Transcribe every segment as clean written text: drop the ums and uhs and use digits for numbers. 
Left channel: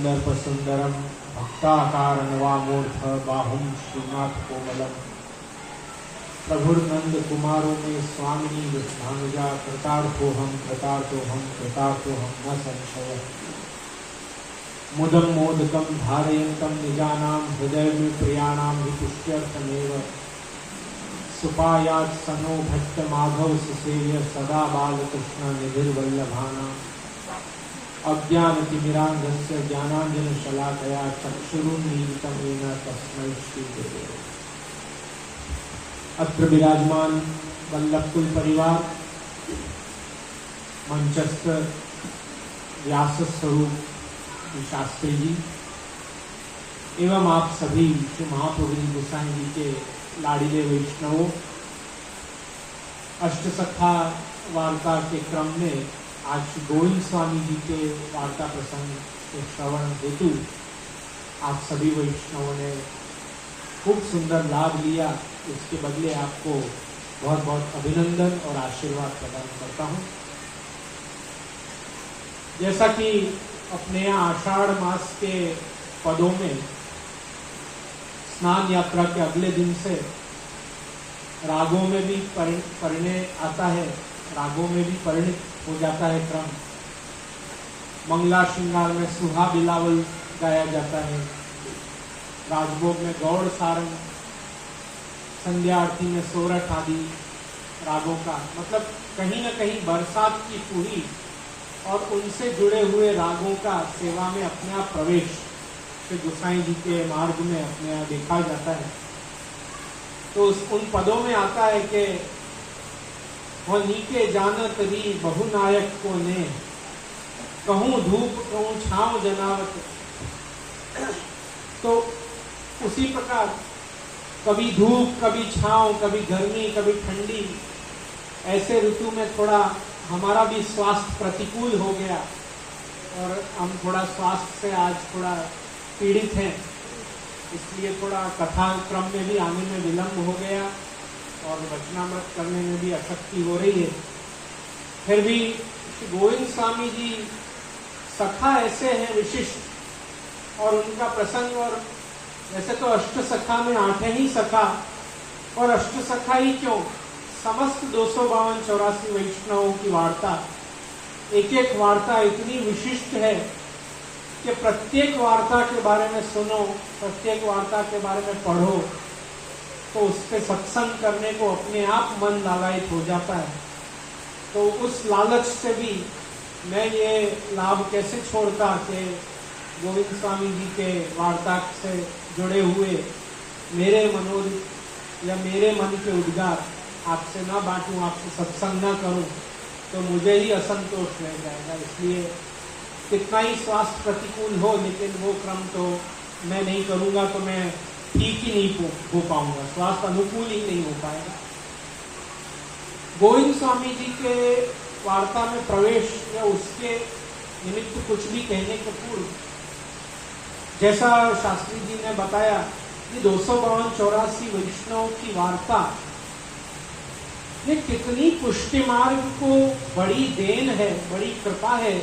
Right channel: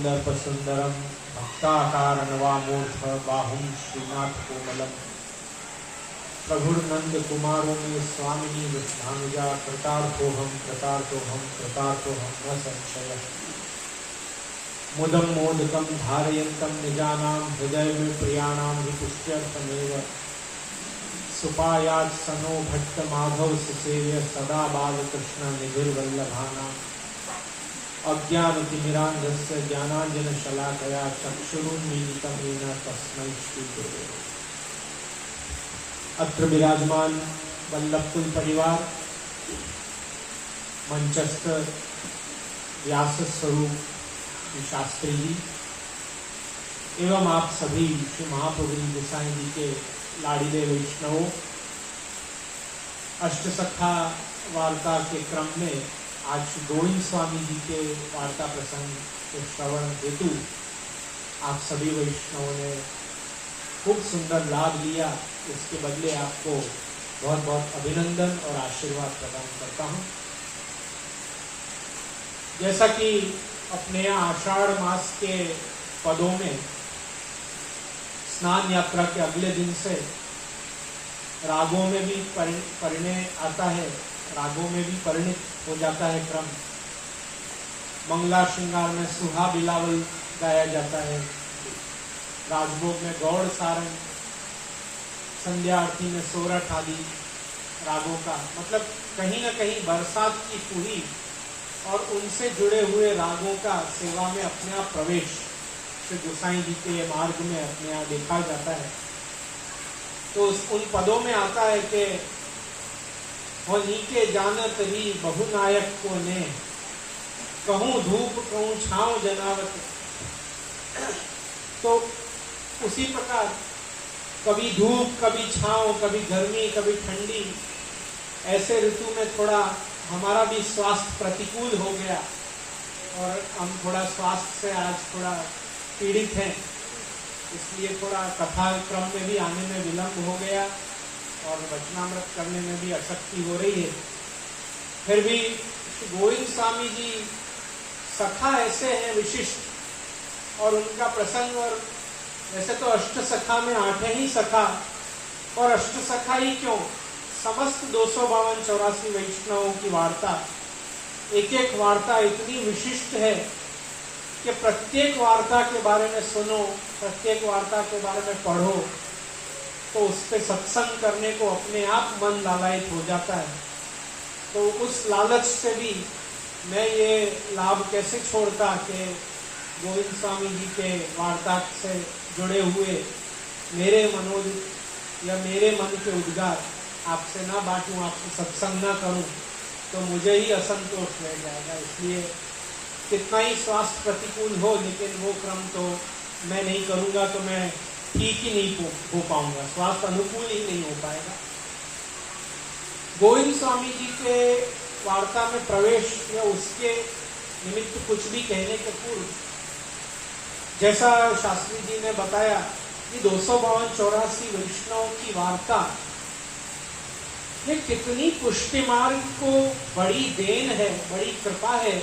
कंदर्पसुंदरम भक्ताकारणवामूर्ध बाहुं श्रीनाथ कोमलम प्रभुर्नंद कुमारों में स्वामिनी विष्णानुजा कृतार्थोहम कृतार्थोहम कृतार्थोहम न संशय मुदम मोदकम धारयन्तम निजानां हृदय में प्रियाणां हि पुष्ट्यर्थमेव सुपायात् सनो भट्ट माधव सुसेव्य सदा बालकृष्ण निधिर्वल्लभानां अज्ञानतिमिरान्धस्य ज्ञानाञ्जनशलाकया चक्षुरुन्मीलितं येन तस्मै श्रीगुरवे। अत्र विराजमान वल्लभकुल परिवार, मंचस्थ व्यास स्वरूप शास्त्री जी एवं आप सभी श्री महाप्रभु गोसाई जी के लाडीले वैष्णवों, अष्टसखा वार्ता के क्रम में आज श्री गोविंद स्वामी जी के वार्ता प्रसंग के श्रवण हेतु आप सभी वैष्णवों ने खूब सुंदर लाभ लिया। इसके बदले आपको बहुत बहुत अभिनंदन और आशीर्वाद प्रदान करता हूँ। जैसा कि अपने यहाँ आषाढ़ मास के पदों में स्नान यात्रा के अगले दिन से रागों में भी परिणय आता है, रागों में भी परिणित हो जाता है क्रम। मंगला श्रृंगार में सुहा बिलावल गाया जाता है, राजभोग में गौड़ सारंग, संध्या आरती में सोरठ आदि रागों का मतलब कहीं न कहीं बरसात की फूही और उनसे जुड़े हुए रागों का सेवा में अपने आप प्रवेश श्री गोसाई जी के मार्ग में अपने आप देखा जाता है। तो उन पदों में आता है कि वो नीके जानत री बहुनायक को ने कहूँ धूप कहूँ छाँव जनावत। तो उसी प्रकार कभी धूप कभी छाँव, कभी गर्मी कभी ठंडी, ऐसे ऋतु में थोड़ा हमारा भी स्वास्थ्य प्रतिकूल हो गया और हम थोड़ा स्वास्थ्य से आज थोड़ा पीड़ित हैं, इसलिए थोड़ा कथा क्रम में भी आने में विलंब हो गया और वचनामृत करने में भी अशक्ति हो रही है। फिर भी श्री गोविंद स्वामी जी सखा ऐसे हैं विशिष्ट, और उनका प्रसंग, और वैसे तो अष्ट सखा में 8 ही सखा, और अष्ट सखा ही क्यों, समस्त 252-84 वैष्णवों की वार्ता, एक एक वार्ता इतनी विशिष्ट है कि प्रत्येक वार्ता के बारे में सुनो, प्रत्येक वार्ता के बारे में पढ़ो तो उस पर सत्संग करने को अपने आप मन लालायित हो जाता है। तो उस लालच से भी मैं ये लाभ कैसे छोड़ता कि गोविंद स्वामी जी के वार्ता से जुड़े हुए मेरे मनोज या मेरे मन के उद्गार आपसे ना बांटूं, आपसे सत्संग ना करूं तो मुझे ही असंतोष रह जाएगा। इसलिए कितना ही स्वास्थ्य प्रतिकूल हो, लेकिन वो क्रम तो मैं नहीं करूंगा तो मैं ठीक ही नहीं हो पाऊंगा, स्वास्थ्य अनुकूल ही नहीं हो पाएगा। गोविंद स्वामी जी के वार्ता में प्रवेश या उसके निमित्त कुछ भी कहने के पूर्व, जैसा शास्त्री जी ने बताया कि 252-84 वैष्णवों की वार्ता ये कितनी पुष्टि मार्ग को बड़ी देन है, बड़ी कृपा है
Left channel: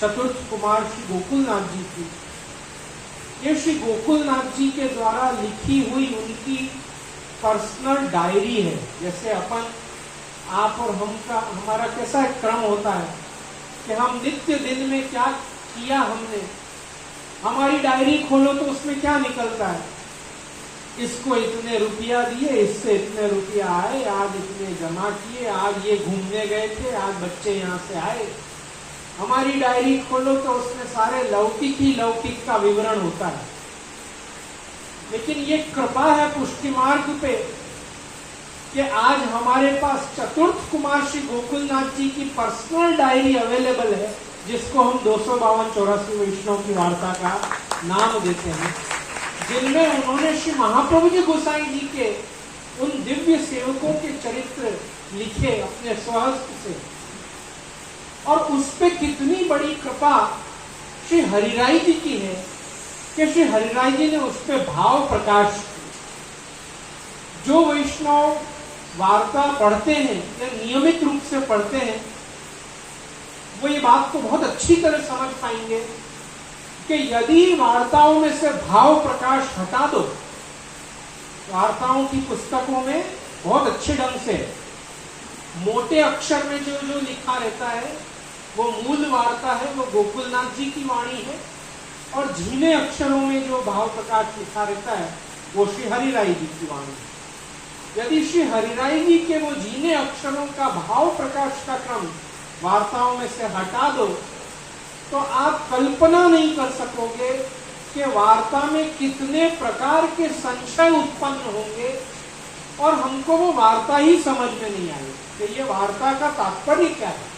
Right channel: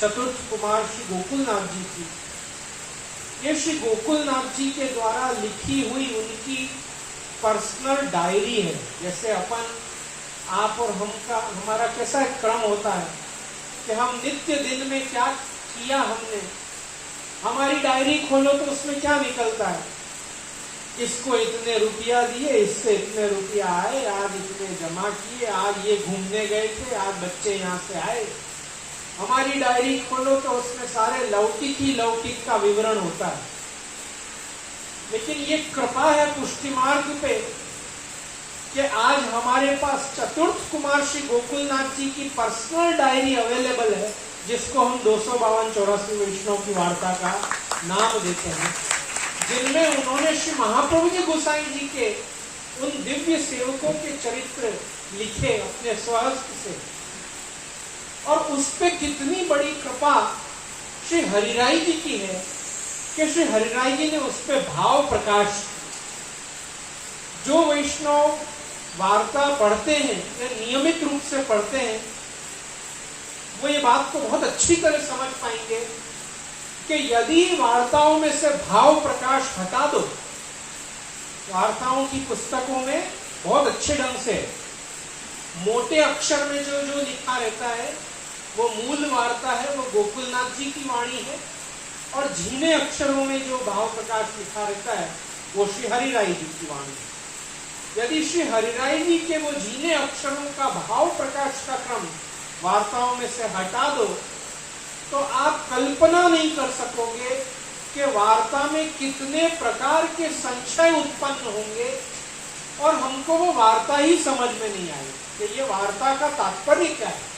चतुर्थ कुमार श्री गोकुलनाथ जी की। ये श्री गोकुलनाथ जी के द्वारा लिखी हुई उनकी पर्सनल डायरी है। जैसे अपन आप और हम का हमारा कैसा एक क्रम होता है कि हम नित्य दिन में क्या किया हमने, हमारी डायरी खोलो तो उसमें क्या निकलता है, इसको इतने रुपया दिए, इससे इतने रुपया आए, आज इतने जमा किए, आज ये घूमने गए थे, आज बच्चे यहाँ से आए। हमारी डायरी खोलो तो उसमें सारे लौकिक ही लौकिक का विवरण होता है। लेकिन ये कृपा है पुष्टि मार्ग पे कि आज हमारे पास चतुर्थ कुमार श्री गोकुलनाथ जी की पर्सनल डायरी अवेलेबल है, जिसको हम 252-84 वैष्णव की वार्ता का नाम देते हैं, जिनमें उन्होंने श्री महाप्रभु जी गोसाई जी के उन दिव्य सेवकों के चरित्र लिखे अपने स्वहस्त से। और उस पे कितनी बड़ी कृपा श्री हरिराय जी की है कि श्री हरिराय जी ने उस पे भाव प्रकाश। जो वैष्णव वार्ता पढ़ते हैं या नियमित रूप से पढ़ते हैं वो ये बात को बहुत अच्छी तरह समझ पाएंगे कि कि यदि वार्ताओं में से भाव प्रकाश हटा दो, वार्ताओं की पुस्तकों में बहुत अच्छे ढंग से मोटे अक्षर में जो जो लिखा रहता है वो मूल वार्ता है, वो गोकुलनाथ जी की वाणी है, और झीने अक्षरों में जो भाव प्रकाश लिखा रहता है वो श्री हरिराय जी की वाणी है। यदि श्री हरिराय जी के वो झीने अक्षरों का भाव प्रकाश का क्रम वार्ताओं में से हटा दो तो आप कल्पना नहीं कर सकोगे कि वार्ता में कितने प्रकार के संशय उत्पन्न होंगे, और हमको वो वार्ता ही समझ में नहीं आई कि ये वार्ता का तात्पर्य क्या है।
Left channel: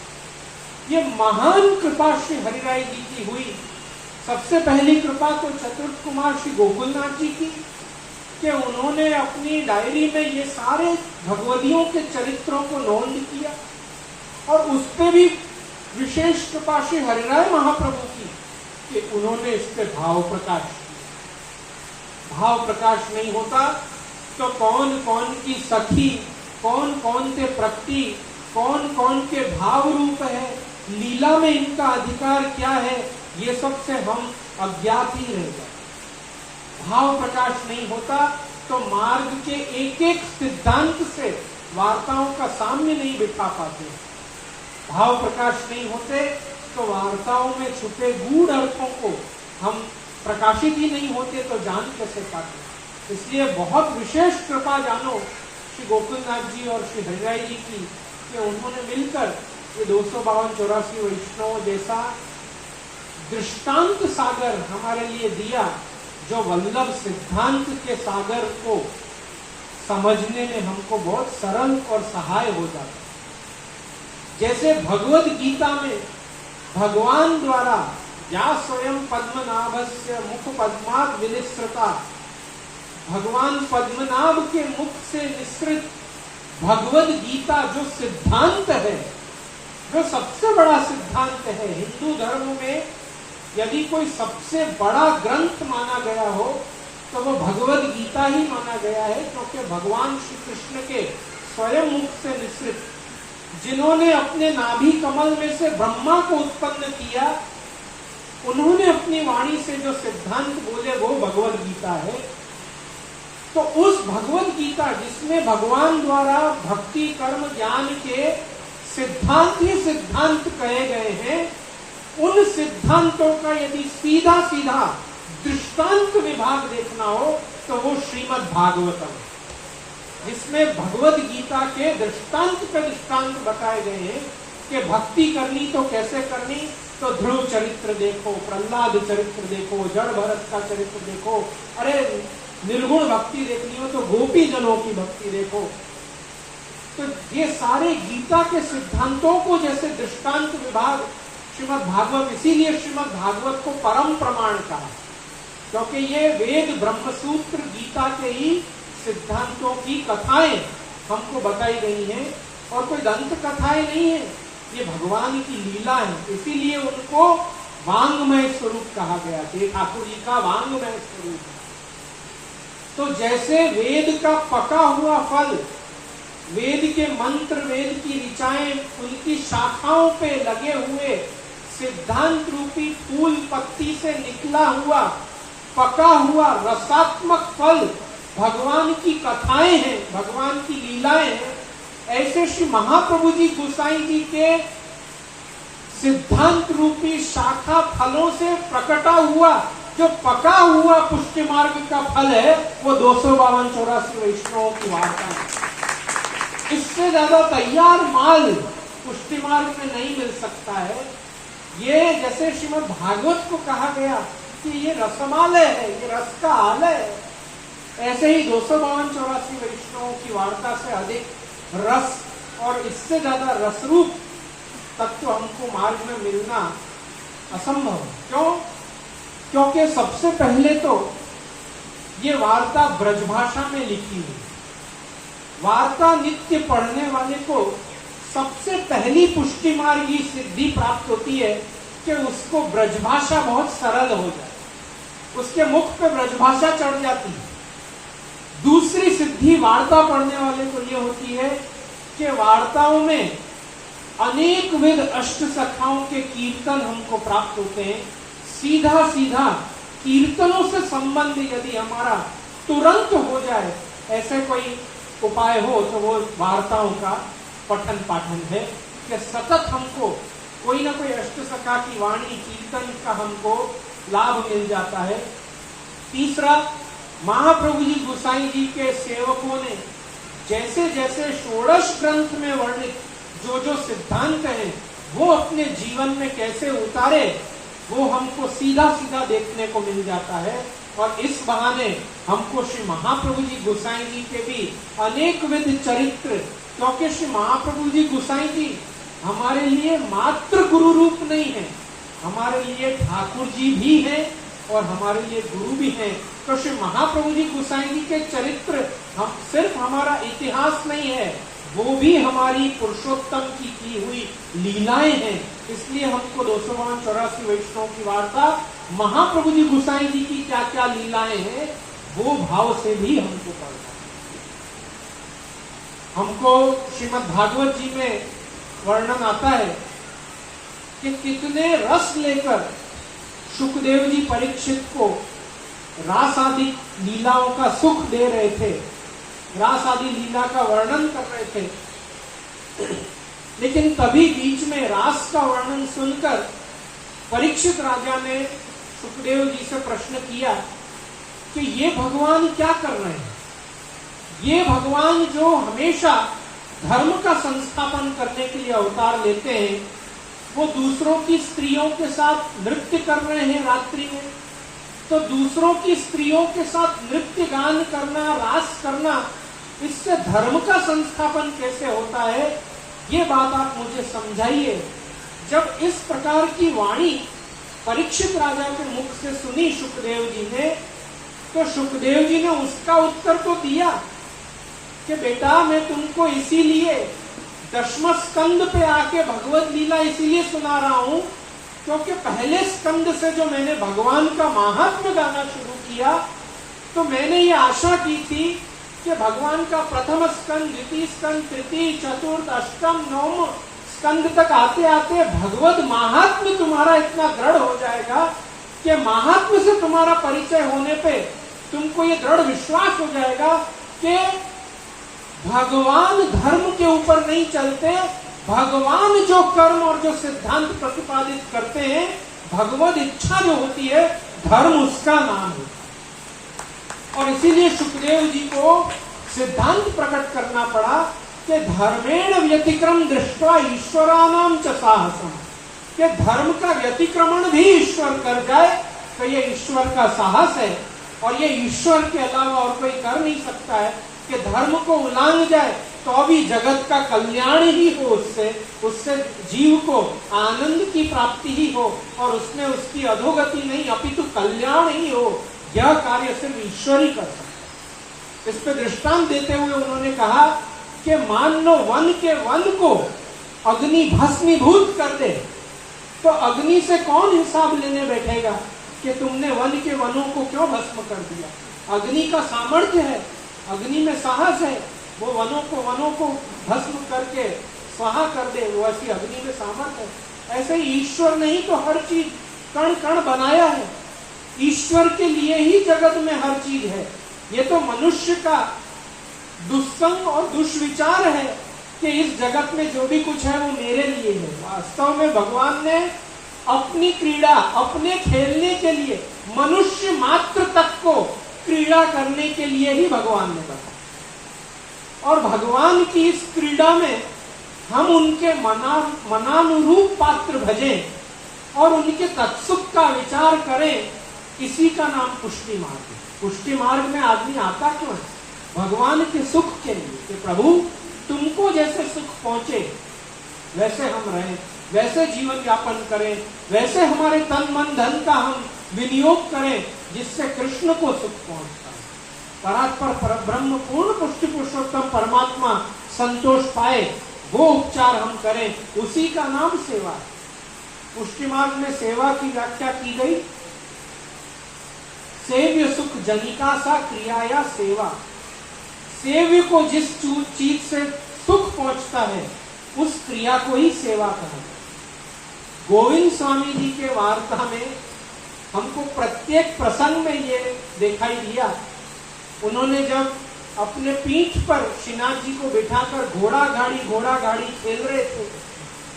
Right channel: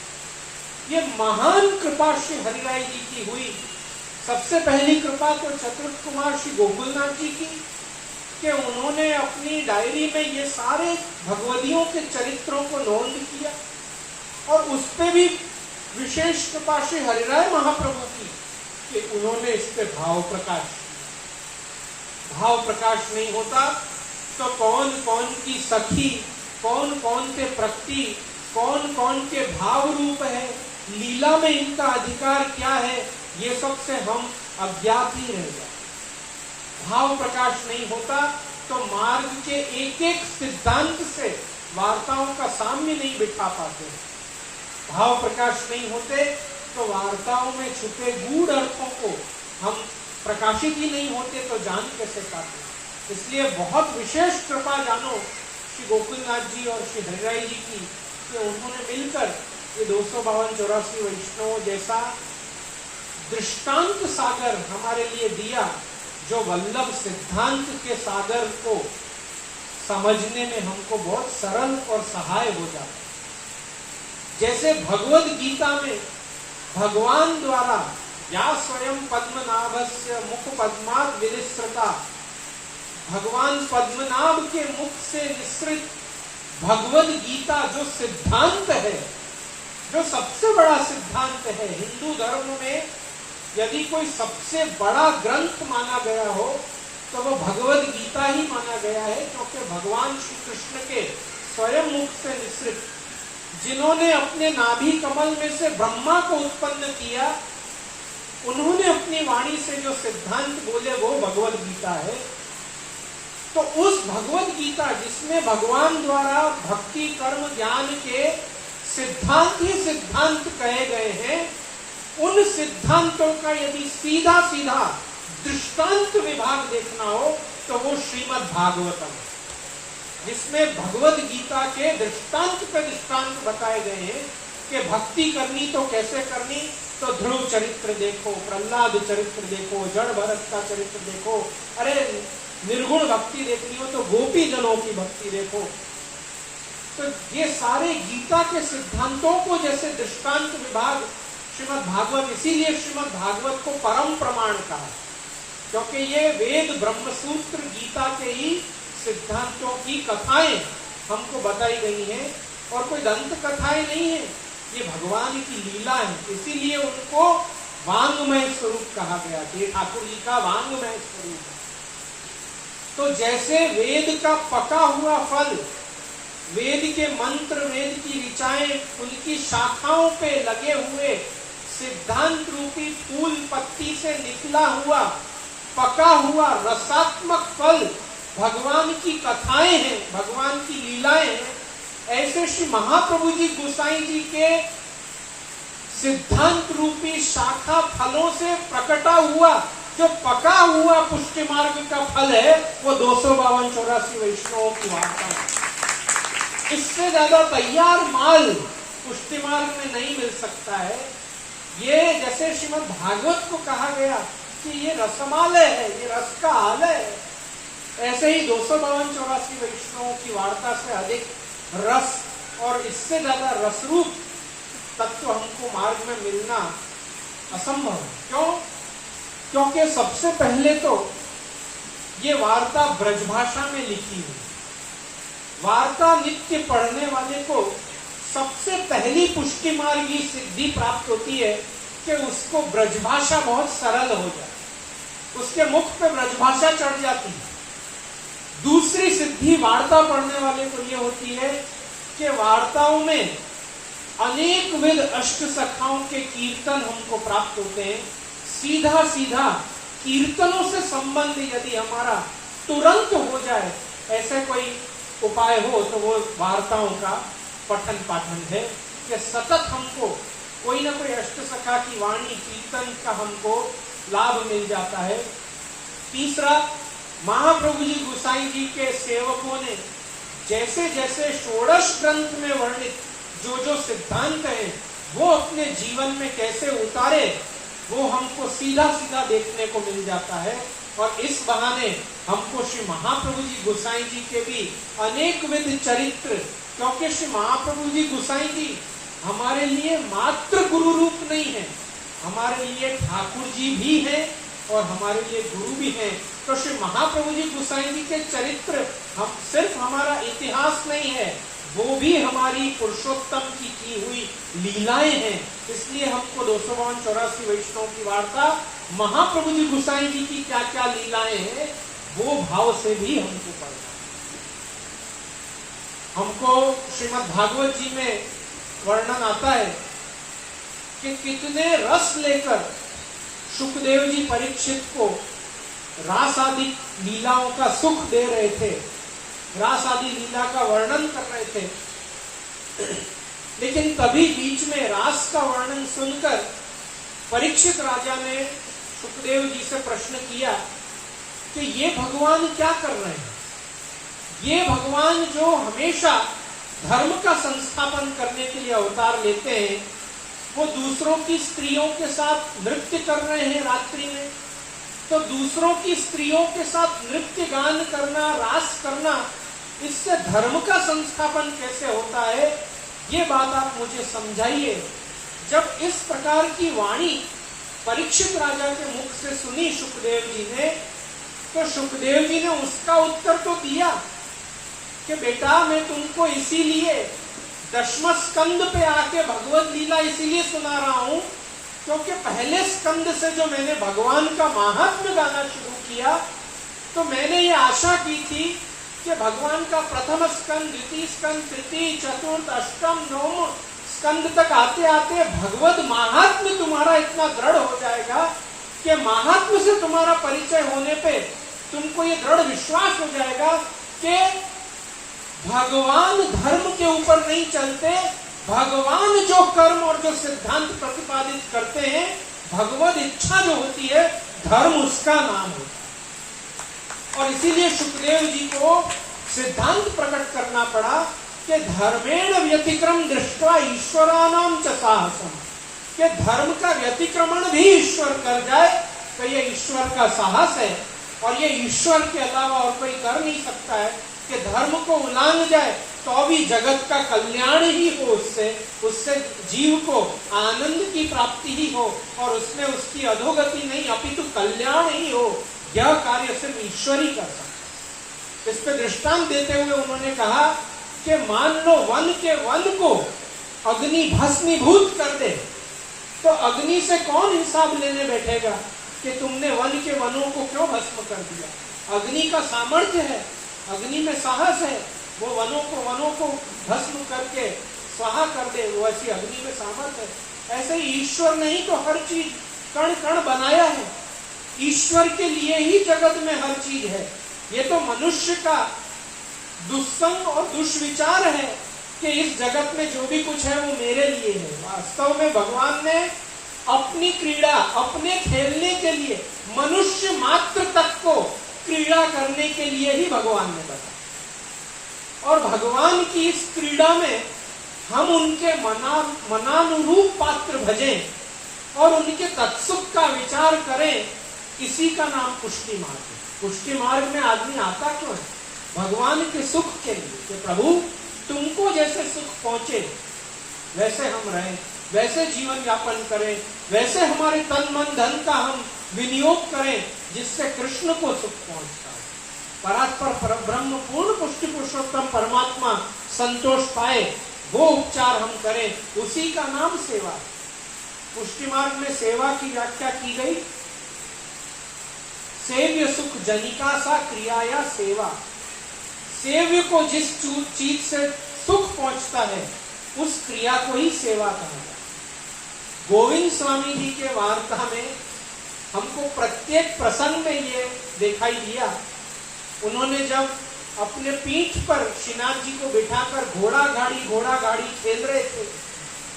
ये महान कृपा श्री हरिराय जी की हुई। सबसे पहली कृपा तो चतुर्थ कुमार श्री गोकुलनाथ जी की, कि उन्होंने अपनी डायरी में ये सारे भगवदियों के चरित्रों को नोंद किया, और उस पे भी विशेष कृपा श्री हरिराय महाप्रभु की कि उन्होंने इस पे भाव प्रकाश किया। भाव प्रकाश नहीं होता तो कौन कौन की सखी, कौन कौन के प्रकृति, कौन कौन के भाव रूप है, लीला में इनका अधिकार क्या है, ये सब से हम अज्ञात ही रह जाते। भाव प्रकाश नहीं होता तो मार्ग के एक एक सिद्धांत से वार्ताओं का साम्य नहीं बिठा पाते। भाव प्रकाश नहीं होते तो वार्ताओं में छुपे गूढ़ अर्थों को हम प्रकाशित ही नहीं होते तो जान कैसे पाते। इसलिए बहुत विशेष कृपा जानो श्री गोकुलनाथ जी और श्री हरिराय जी की कि उन्होंने मिलकर ये 252-84 वैष्णव जैसा दृष्टांत सागर हमारे लिए दिया, जो वल्लभ सिद्धांत के सागर को समझने में हमको बहुत सरल और सहाय हो जाता। जैसे भगवद गीता में भगवान द्वारा या स्वयं पद्मनाभस्य मुख पद्माद विनिसृता, भगवान पद्मनाभ के मुख से निसृत भगवद गीता जो सिद्धांत है, जो सबसे बड़ा सिद्धांत है हिंदू धर्म में, यदि कोई सबसे बड़ा ग्रंथ माना गया हो तो वो भगवद गीता ही माना गया है, क्योंकि भगवान श्री कृष्ण के स्वयं मुख से निसृत, जिन्होंने अपने नाभि कमल में से ब्रह्मा को उत्पन्न किया, उन्होंने अपनी वाणी से जो सिद्धांत बोले वो भगवद गीता है। तो उस भगवद गीता जिसमें भगवान द्वारा भक्ति कर्म ज्ञान के सिद्धांत ही सिद्धांत कहे गए हैं, उन सिद्धांतों का यदि सीधा सीधा दृष्टांत विभाग देखना हो तो वो श्रीमद् भागवतम, जिसमें भगवद गीता के दृष्टांत पे दृष्टांत बताए गए हैं कि भक्ति करनी तो कैसे करनी, तो ध्रुव चरित्र देखो, प्रहलाद चरित्र देखो, जड़ भरत का चरित्र देखो, अरे निर्गुण भक्ति देखनी हो तो गोपी जनों की भक्ति देखो। तो ये सारे गीता के सिद्धांतों को जैसे दृष्टांत विभाग श्रीमद् भागवत, इसीलिए श्रीमद् भागवत को परम प्रमाण कहा है, क्योंकि ये वेद ब्रह्मसूत्र गीता के ही सिद्धांतों की कथाएं हमको बताई गई हैं, और कोई दंत कथाएं नहीं है, ये भगवान की लीला है। इसीलिए उनको वांगमय स्वरूप कहा गया, ये ठाकुर जी का वांगमय स्वरूप है। तो जैसे वेद का पका हुआ फल, वेद के मंत्र, वेद की ऋचाएं, उनकी शाखाओं पे लगे हुए सिद्धांत रूपी फूल पत्ती से निकला हुआ पका हुआ रसात्मक फल भगवान की कथाएं हैं, भगवान की लीलाएं हैं। ऐसे श्री महाप्रभु जी गोसाई जी के सिद्धांत रूपी शाखा फलों से प्रकटा हुआ जो पका हुआ पुष्टि मार्ग का फल है, वो 252-84 वैष्णवों की वार्ता है। इससे ज्यादा तैयार माल पुष्टि मार्ग में नहीं मिल सकता है। ये जैसे श्रीमद् भागवत को कहा गया कि ये रसमालय है, ये रस का आलय है, ऐसे ही 252-84 वैष्णवों की वार्ता से अधिक रस और इससे ज्यादा रसरूप तत्व हमको मार्ग में मिलना असंभव है। क्यों? क्योंकि सबसे पहले तो ये वार्ता ब्रजभाषा में लिखी हुई। वार्ता नित्य पढ़ने वाले को सबसे पहली पुष्टि मार्ग की सिद्धि प्राप्त होती है कि उसको ब्रजभाषा बहुत सरल हो जाए, उसके मुख पे ब्रजभाषा चढ़ जाती है। दूसरी सिद्धि वार्ता पढ़ने वाले को ये होती है कि वार्ताओं में अनेक विध अष्ट सखाओं के कीर्तन हमको प्राप्त होते हैं, सीधा सीधा कीर्तनों से संबंध यदि हमारा तुरंत हो जाए, ऐसे कोई उपाय हो तो वो वार्ताओं का पठन पाठन है कि सतत हमको कोई ना कोई अष्टसखा की वाणी कीर्तन का हमको लाभ मिल जाता है। तीसरा, महाप्रभु जी गोसाई जी के सेवकों ने जैसे जैसे षोडश ग्रंथ में वर्णित जो जो सिद्धांत है वो अपने जीवन में कैसे उतारे, वो हमको सीधा सीधा देखने को मिल जाता है। और इस बहाने हमको श्री महाप्रभु जी गोसाई जी के भी अनेक विध चरित्र, क्योंकि श्री महाप्रभु जी गोसाई जी हमारे लिए मात्र गुरु रूप नहीं है, हमारे लिए ठाकुर जी भी हैं और हमारे लिए गुरु भी हैं। तो श्री महाप्रभु जी गोसाई जी के चरित्र हम सिर्फ हमारा इतिहास नहीं है, वो भी हमारी पुरुषोत्तम की हुई लीलाएं हैं। इसलिए हमको 252-84 वैष्णव की वार्ता महाप्रभु जी गोसाई जी की क्या क्या लीलाएं हैं वो भाव से भी हमको पढ़ना है। हमको श्रीमद् भागवत जी में वर्णन आता है कि कितने रस लेकर सुखदेव जी परीक्षित को रास आदि लीलाओं का सुख दे रहे थे, रास आदि लीला का वर्णन कर रहे थे। लेकिन तभी बीच में रास का वर्णन सुनकर परीक्षित राजा ने सुखदेव जी से प्रश्न किया कि ये भगवान क्या कर रहे हैं? ये भगवान जो हमेशा धर्म का संस्थापन करने के लिए अवतार लेते हैं, वो दूसरों की स्त्रियों के साथ नृत्य कर रहे हैं रात्रि में। तो दूसरों की स्त्रियों के साथ नृत्य गान करना, रास करना, इससे धर्म का संस्थापन कैसे होता है? ये बात आप मुझे समझाइए। जब इस प्रकार की वाणी परीक्षित राजा के मुख से सुनी सुखदेव जी ने, तो सुखदेव जी ने उसका उत्तर तो दिया कि बेटा मैं तुमको इसीलिए दशम स्कंद पे आके भगवत लीला इसीलिए सुना रहा हूं क्योंकि पहले स्कंद से जो मैंने भगवान का महात्म्य गाना शुरू किया, तो मैंने ये आशा की थी कि भगवान का प्रथम स्कंद, द्वितीय स्कंद, तृतीय, चतुर्थ, अष्टम, नवम स्कंद तक आते आते भगवत महात्म्य तुम्हारा इतना दृढ़ हो जाएगा कि महात्म्य से तुम्हारा परिचय होने पे तुमको ये दृढ़ विश्वास हो जाएगा कि भगवान धर्म के ऊपर नहीं चलते, भगवान जो कर्म और जो सिद्धांत प्रतिपादित करते हैं, भगवत इच्छा जो होती है, धर्म उसका नाम होता है। और इसीलिए सुखदेव जी को सिद्धांत प्रकट करना पड़ा कि धर्मेण व्यतिक्रम दृष्टवा ईश्वरानाम च साहसम, कि धर्म का व्यतिक्रमण भी ईश्वर कर जाए तो ये ईश्वर का साहस है, और ये ईश्वर के अलावा और कोई कर नहीं सकता है कि धर्म को उल्लंघ जाए तो भी जगत का कल्याण ही हो, उससे जीव को आनंद की प्राप्ति ही हो और उसमें उसकी अधोगति नहीं अपितु कल्याण ही हो। यह कार्य सिर्फ ईश्वर ही कर सकता है। इस पे दृष्टांत देते हुए उन्होंने कहा कि मान लो वन के वन को अग्नि भस्मीभूत कर दे, तो अग्नि से कौन हिसाब लेने बैठेगा कि तुमने वन के वनों को क्यों भस्म कर दिया? अग्नि का सामर्थ्य है, अग्नि में साहस है, वो वनों को भस्म करके स्वाहा कर दे, वो ऐसी अग्नि में सामर्थ्य है। ऐसे ही ईश्वर ने ही तो हर चीज कण कण बनाया है, ईश्वर के लिए ही जगत में हर चीज है। ये तो मनुष्य का दुस्संग और दुष्विचार है कि इस जगत में जो भी कुछ है वो मेरे लिए है। वास्तव में भगवान ने अपनी क्रीड़ा, अपने खेलने के लिए, मनुष्य मात्र तक को क्रीड़ा करने के लिए ही भगवान ने बताया। और भगवान की इस क्रीड़ा में हम उनके मनानुरूप पात्र भजें और उनके तत्सुख का विचार करें, इसी का नाम पुष्टि मार्ग है। पुष्टि मार्ग में आदमी आता क्यों है? भगवान के सुख के लिए, कि प्रभु तुमको जैसे सुख पहुंचे वैसे हम रहें, वैसे जीवन यापन करें, वैसे हमारे तन मन धन का हम विनियोग करें जिससे कृष्ण को सुख पहुंचता है। परात्पर परब्रह्म पूर्ण पुष्टि पुरुषोत्तम परमात्मा संतोष पाए, वो उपचार हम करें, उसी का नाम सेवा है। पुष्टि मार्ग में सेवा की व्याख्या की गई, सेव्य सुख जनिका सा क्रियाया सेवा। सेव्य को जिस चीज से सुख पहुंचता है उस क्रिया को ही सेवा कहा जाता है। गोविंद स्वामी जी के वार्ता में हमको प्रत्येक प्रसंग में ये दिखाई दिया। उन्होंने जब अपने पीठ पर श्रीनाथ जी को बिठाकर घोड़ा गाड़ी खेल रहे थे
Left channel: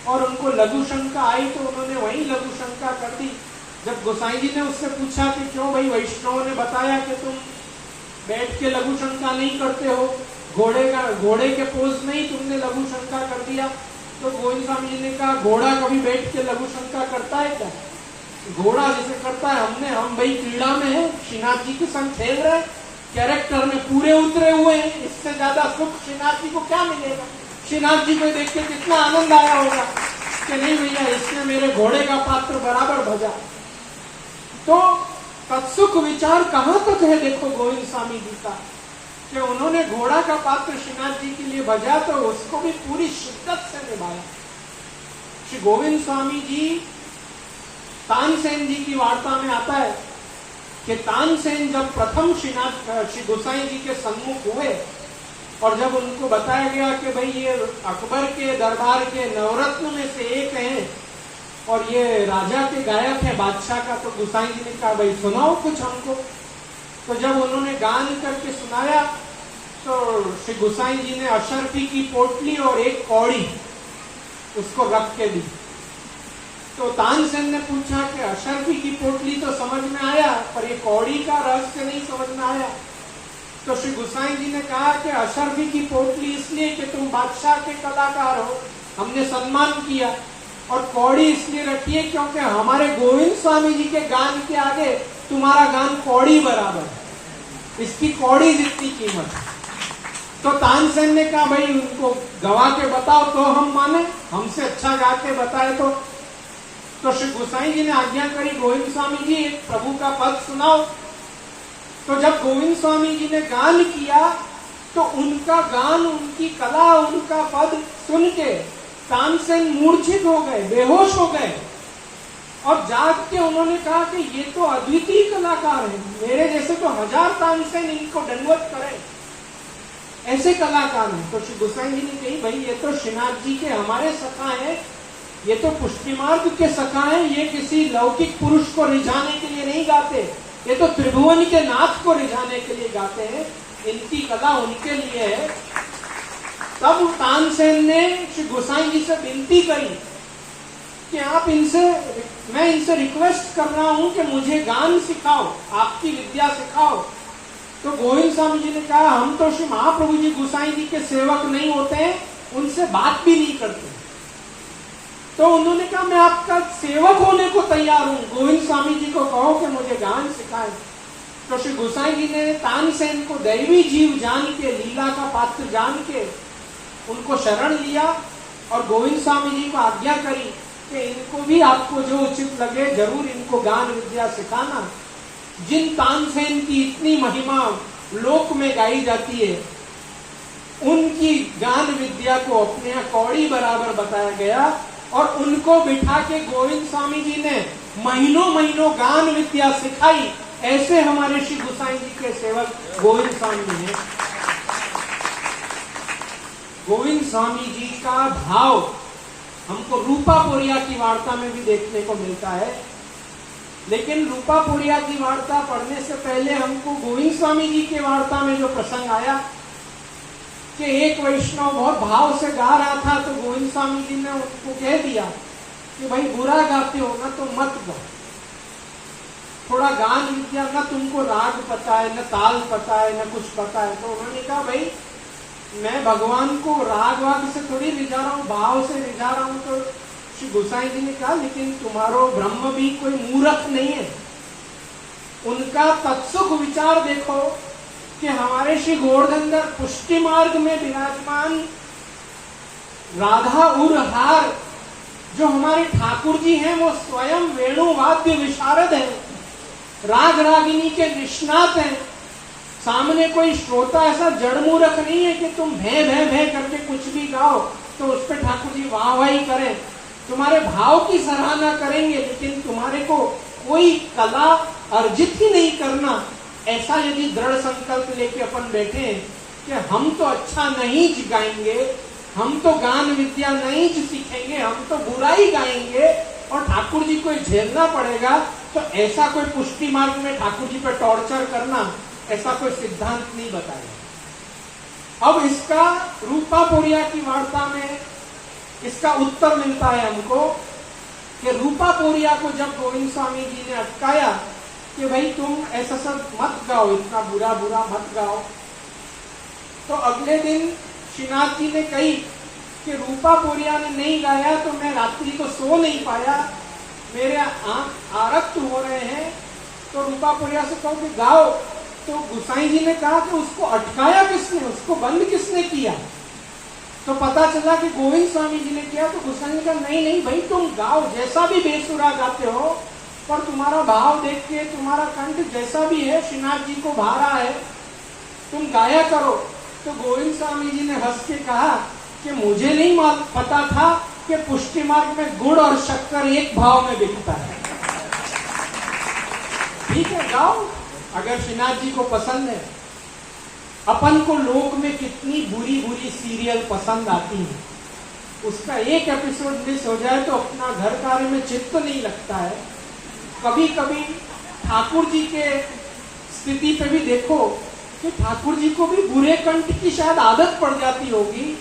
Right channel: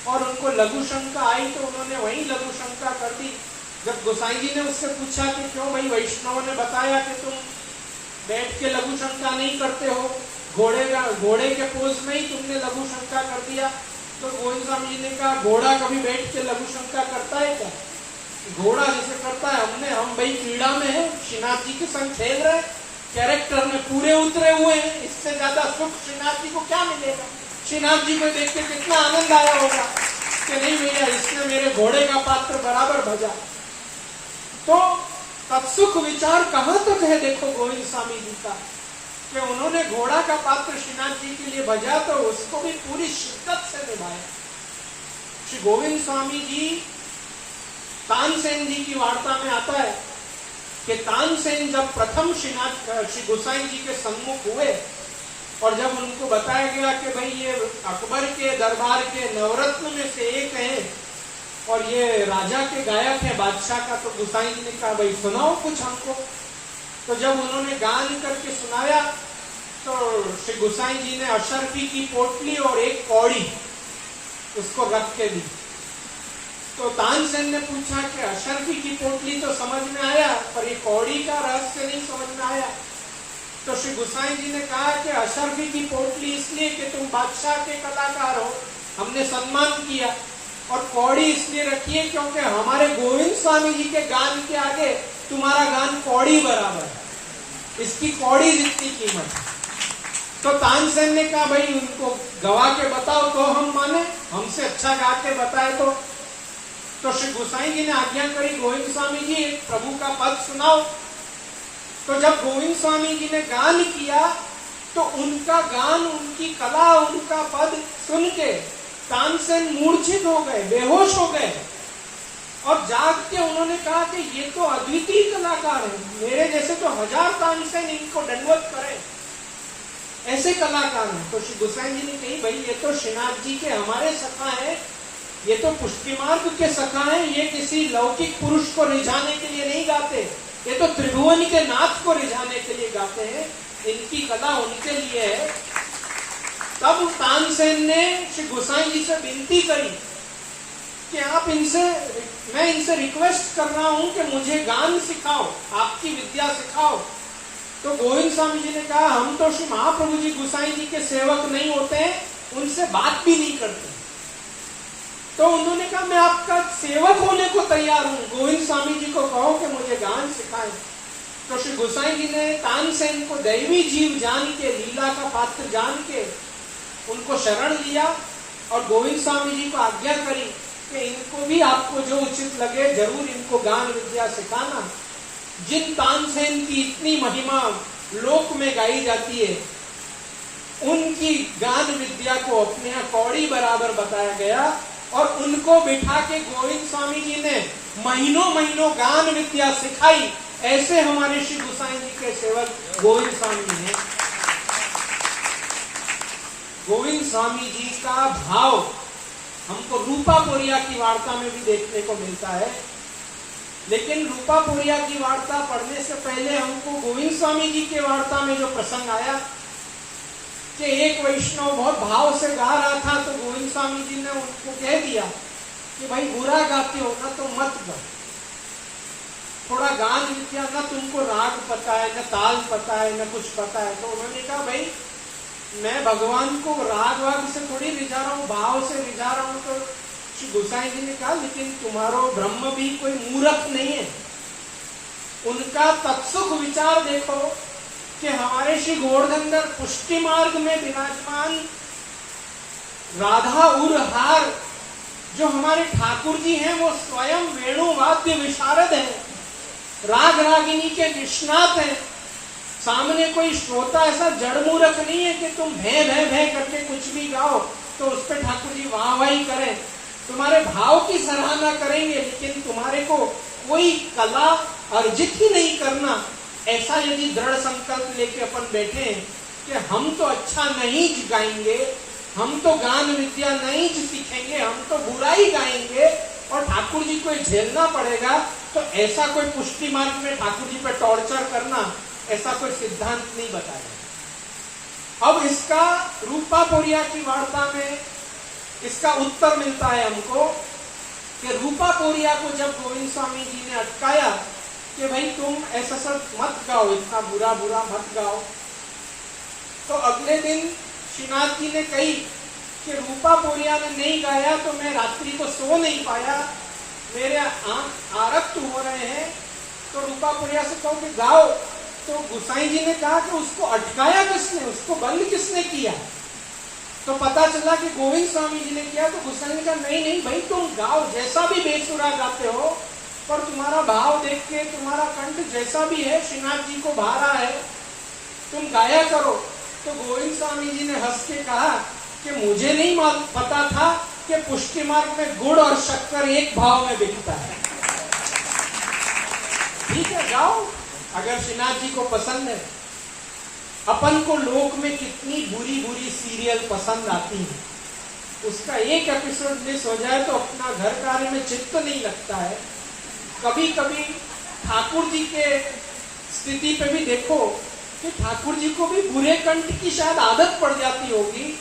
और उनको लघु शंका आई तो उन्होंने वही लघु शंका कर दी। जब गोसाई जी ने उससे पूछा कि क्यों भाई, वैष्णवों ने बताया कि तुम बैठ के लघु शंका नहीं करते हो, घोड़े के पोज में ही तुमने लघु शंका कर दिया। तो गोविंद स्वामी जी ने कहा, घोड़ा कभी बैठ के लघु शंका करता है क्या? घोड़ा जैसे करता है, हम भाई क्रीड़ा में है, श्रीनाथ जी के संग खेल रहे, कैरेक्टर में पूरे उतरे हुए हैं, इससे ज्यादा सुख श्रीनाथ जी को क्या मिलेगा? श्रीनाथ जी को देख के कितना आनंद आया होगा कि नहीं भैया, इसने मेरे घोड़े का पात्र बराबर भजा। तो तत्सुख विचार कहाँ तक है देखो गोविंद स्वामी जी का, कि उन्होंने घोड़ा का पात्र श्रीनाथ जी के लिए भजा तो उसको भी पूरी शिद्दत से निभाया। श्री गोविंद स्वामी जी, तानसेन जी की वार्ता में आता है कि तानसेन जब प्रथम श्री गोसाई जी के सम्मुख हुए और जब उनको बताया गया कि भाई ये अकबर के दरबार के नवरत्न में से एक हैं और ये राजा के गायक है, बादशाह का, तो गोसाई जी ने कहा भाई सुनाओ कुछ हमको। तो जब उन्होंने गान करके सुनाया तो श्री गोसाई जी ने अशर्फी की पोटली और एक कौड़ी उसको रख के दी। तो तानसेन ने पूछा कि अशर्फी की पोटली तो समझ में आया, पर ये कौड़ी का रहस्य नहीं समझ में आया। तो श्री गोसाई जी ने कहा कि अशर्फी की पोटली इसलिए कि तुम बादशाह के कलाकार हो, हमने सम्मान किया, और कौड़ी इसलिए रखी है क्योंकि हमारे गोविंद स्वामी जी के गान के आगे तुम्हारा गान कौड़ी बराबर है, इसकी कौड़ी जितनी कीमत है। तो तानसेन ने कहा भाई उनको गवा के बताओ तो हम माने, हमसे अच्छा गा के बताए तो श्री गोसाई जी ने आज्ञा करी, गोविंद स्वामी जी एक प्रभु का पद सुनाओ। तो जब गोविंद स्वामी जी ने गान किया तो उनका गान, उनकी कला, उनका पद सुन के तानसेन मूर्छित हो गए, बेहोश हो गए और जाग के उन्होंने कहा कि ये तो अद्वितीय कलाकार है, मेरे जैसे तो हजार तानसेन इनको दंडवत करे, ऐसे कलाकार हैं। तो श्री गोसाई जी ने कही भाई ये तो श्रीनाथ जी के हमारे सखा हैं, ये तो पुष्टि मार्ग के सखा हैं, ये किसी लौकिक पुरुष को रिझाने के लिए नहीं गाते, ये तो त्रिभुवन के नाथ को रिझाने के लिए गाते हैं, इनकी कला उनके लिए है। तब तानसेन ने श्री गोसाई जी से विनती करी कि आप मैं इनसे रिक्वेस्ट कर रहा हूं कि मुझे गान सिखाओ, आपकी विद्या सिखाओ। तो गोविंद स्वामी जी ने कहा हम तो श्री महाप्रभु जी गोसाई जी के सेवक नहीं होते हैं, उनसे बात भी नहीं करते। तो उन्होंने कहा मैं आपका सेवक होने को तैयार हूं, गोविंद स्वामी जी को कहो कि मुझे गान सिखाएं। तो श्री गोसाई जी ने तानसेन को दैवी जीव जान के, लीला का पात्र जान के उनको शरण लिया और गोविंद स्वामी जी को आज्ञा करी कि इनको भी आपको जो उचित लगे जरूर इनको गान विद्या सिखाना। जिन तानसेन की इतनी महिमा लोक में गाई जाती है, उनकी गान विद्या को अपने यहाँ कौड़ी बराबर बताया गया और उनको बिठा के गोविंद स्वामी जी ने महीनों महीनों गान विद्या सिखाई। ऐसे हमारे श्री गोसाई जी के सेवक गोविंद स्वामी हैं। गोविंद स्वामी जी का भाव हमको रूपा पोरिया की वार्ता में भी देखने को मिलता है, लेकिन रूपा पोरिया की वार्ता पढ़ने से पहले हमको गोविंद स्वामी जी के वार्ता में जो प्रसंग आया कि एक वैष्णव बहुत भाव से गा रहा था तो गोविंद स्वामी जी ने उनको कह दिया कि भाई बुरा गाते हो ना तो मत गाओ, थोड़ा गान विद्या, ना तुमको राग पता है, न ताल पता है, न कुछ पता है। तो उन्होंने कहा भाई मैं भगवान को राग वाग से थोड़ी रिझा रहा हूँ, भाव से रिझा रहा हूँ। तो श्री गोसाई जी ने कहा लेकिन तुम्हारो ब्रह्म भी कोई मूर्ख नहीं है, उनका तत्सुख विचार देखो कि हमारे श्री गोवर्धनगर पुष्टि मार्ग में विराजमान राधा उरहार जो हमारे ठाकुर जी हैं वो स्वयं वेणु वाद्य विशारद हैं, राग रागिनी के निष्णात हैं। सामने कोई श्रोता ऐसा जड़ मूर्ख नहीं है कि तुम भे भे भे करके कुछ भी गाओ तो उस पर ठाकुर जी वाह वाही करें, तुम्हारे भाव की सराहना करेंगे, लेकिन तुम्हारे को कोई कला अर्जित ही नहीं करना। ऐसा यदि दृढ़ संकल्प लेके अपन बैठे हैं कि हम तो अच्छा नहीं गाएंगे, हम तो गान विद्या नहीं सीखेंगे, हम तो बुराई गाएंगे और ठाकुर जी को झेलना पड़ेगा, तो ऐसा कोई पुष्टि मार्ग में ठाकुर जी पे टॉर्चर करना, ऐसा कोई सिद्धांत नहीं बताया। अब इसका रूपा पोरिया की वार्ता में इसका उत्तर मिलता है हमको कि रूपा पोरिया को जब गोविंद स्वामी जी ने अटकाया कि भाई तुम ऐसा सब मत गाओ, इतना बुरा बुरा मत गाओ, तो अगले दिन श्रीनाथ जी ने कही कि रूपा पोरिया ने नहीं गाया तो मैं रात्रि को सो नहीं पाया, मेरे आंख आरक्त हो रहे हैं, तो रूपा पोरिया से कहो कि गाओ। तो गुसाई जी ने कहा कि उसको अटकाया किसने, उसको बंद किसने किया? तो पता चला कि गोविंद स्वामी जी ने किया। तो गुसाई ने कहा नहीं नहीं भाई तुम गाओ, जैसा भी बेसुरा गाते हो, पर तुम्हारा भाव देख के तुम्हारा कंठ जैसा भी है श्रीनाथ जी को भा रहा है, तुम गाया करो। तो गोविंद स्वामी जी ने हंस के कहा कि मुझे नहीं पता था कि पुष्टि मार्ग में गुड़ और शक्कर एक भाव में बिकता है। ठीक है गाओ, अगर श्रीनाथ जी को पसंद है। अपन को लोक में कितनी बुरी बुरी सीरियल पसंद आती है, उसका एक एपिसोड मिस हो जाए तो अपना घर कार्य में चित्त नहीं लगता है। कभी कभी ठाकुर जी के स्थिति पे भी देखो कि ठाकुर जी को भी बुरे कंठ की शायद आदत पड़ जाती होगी,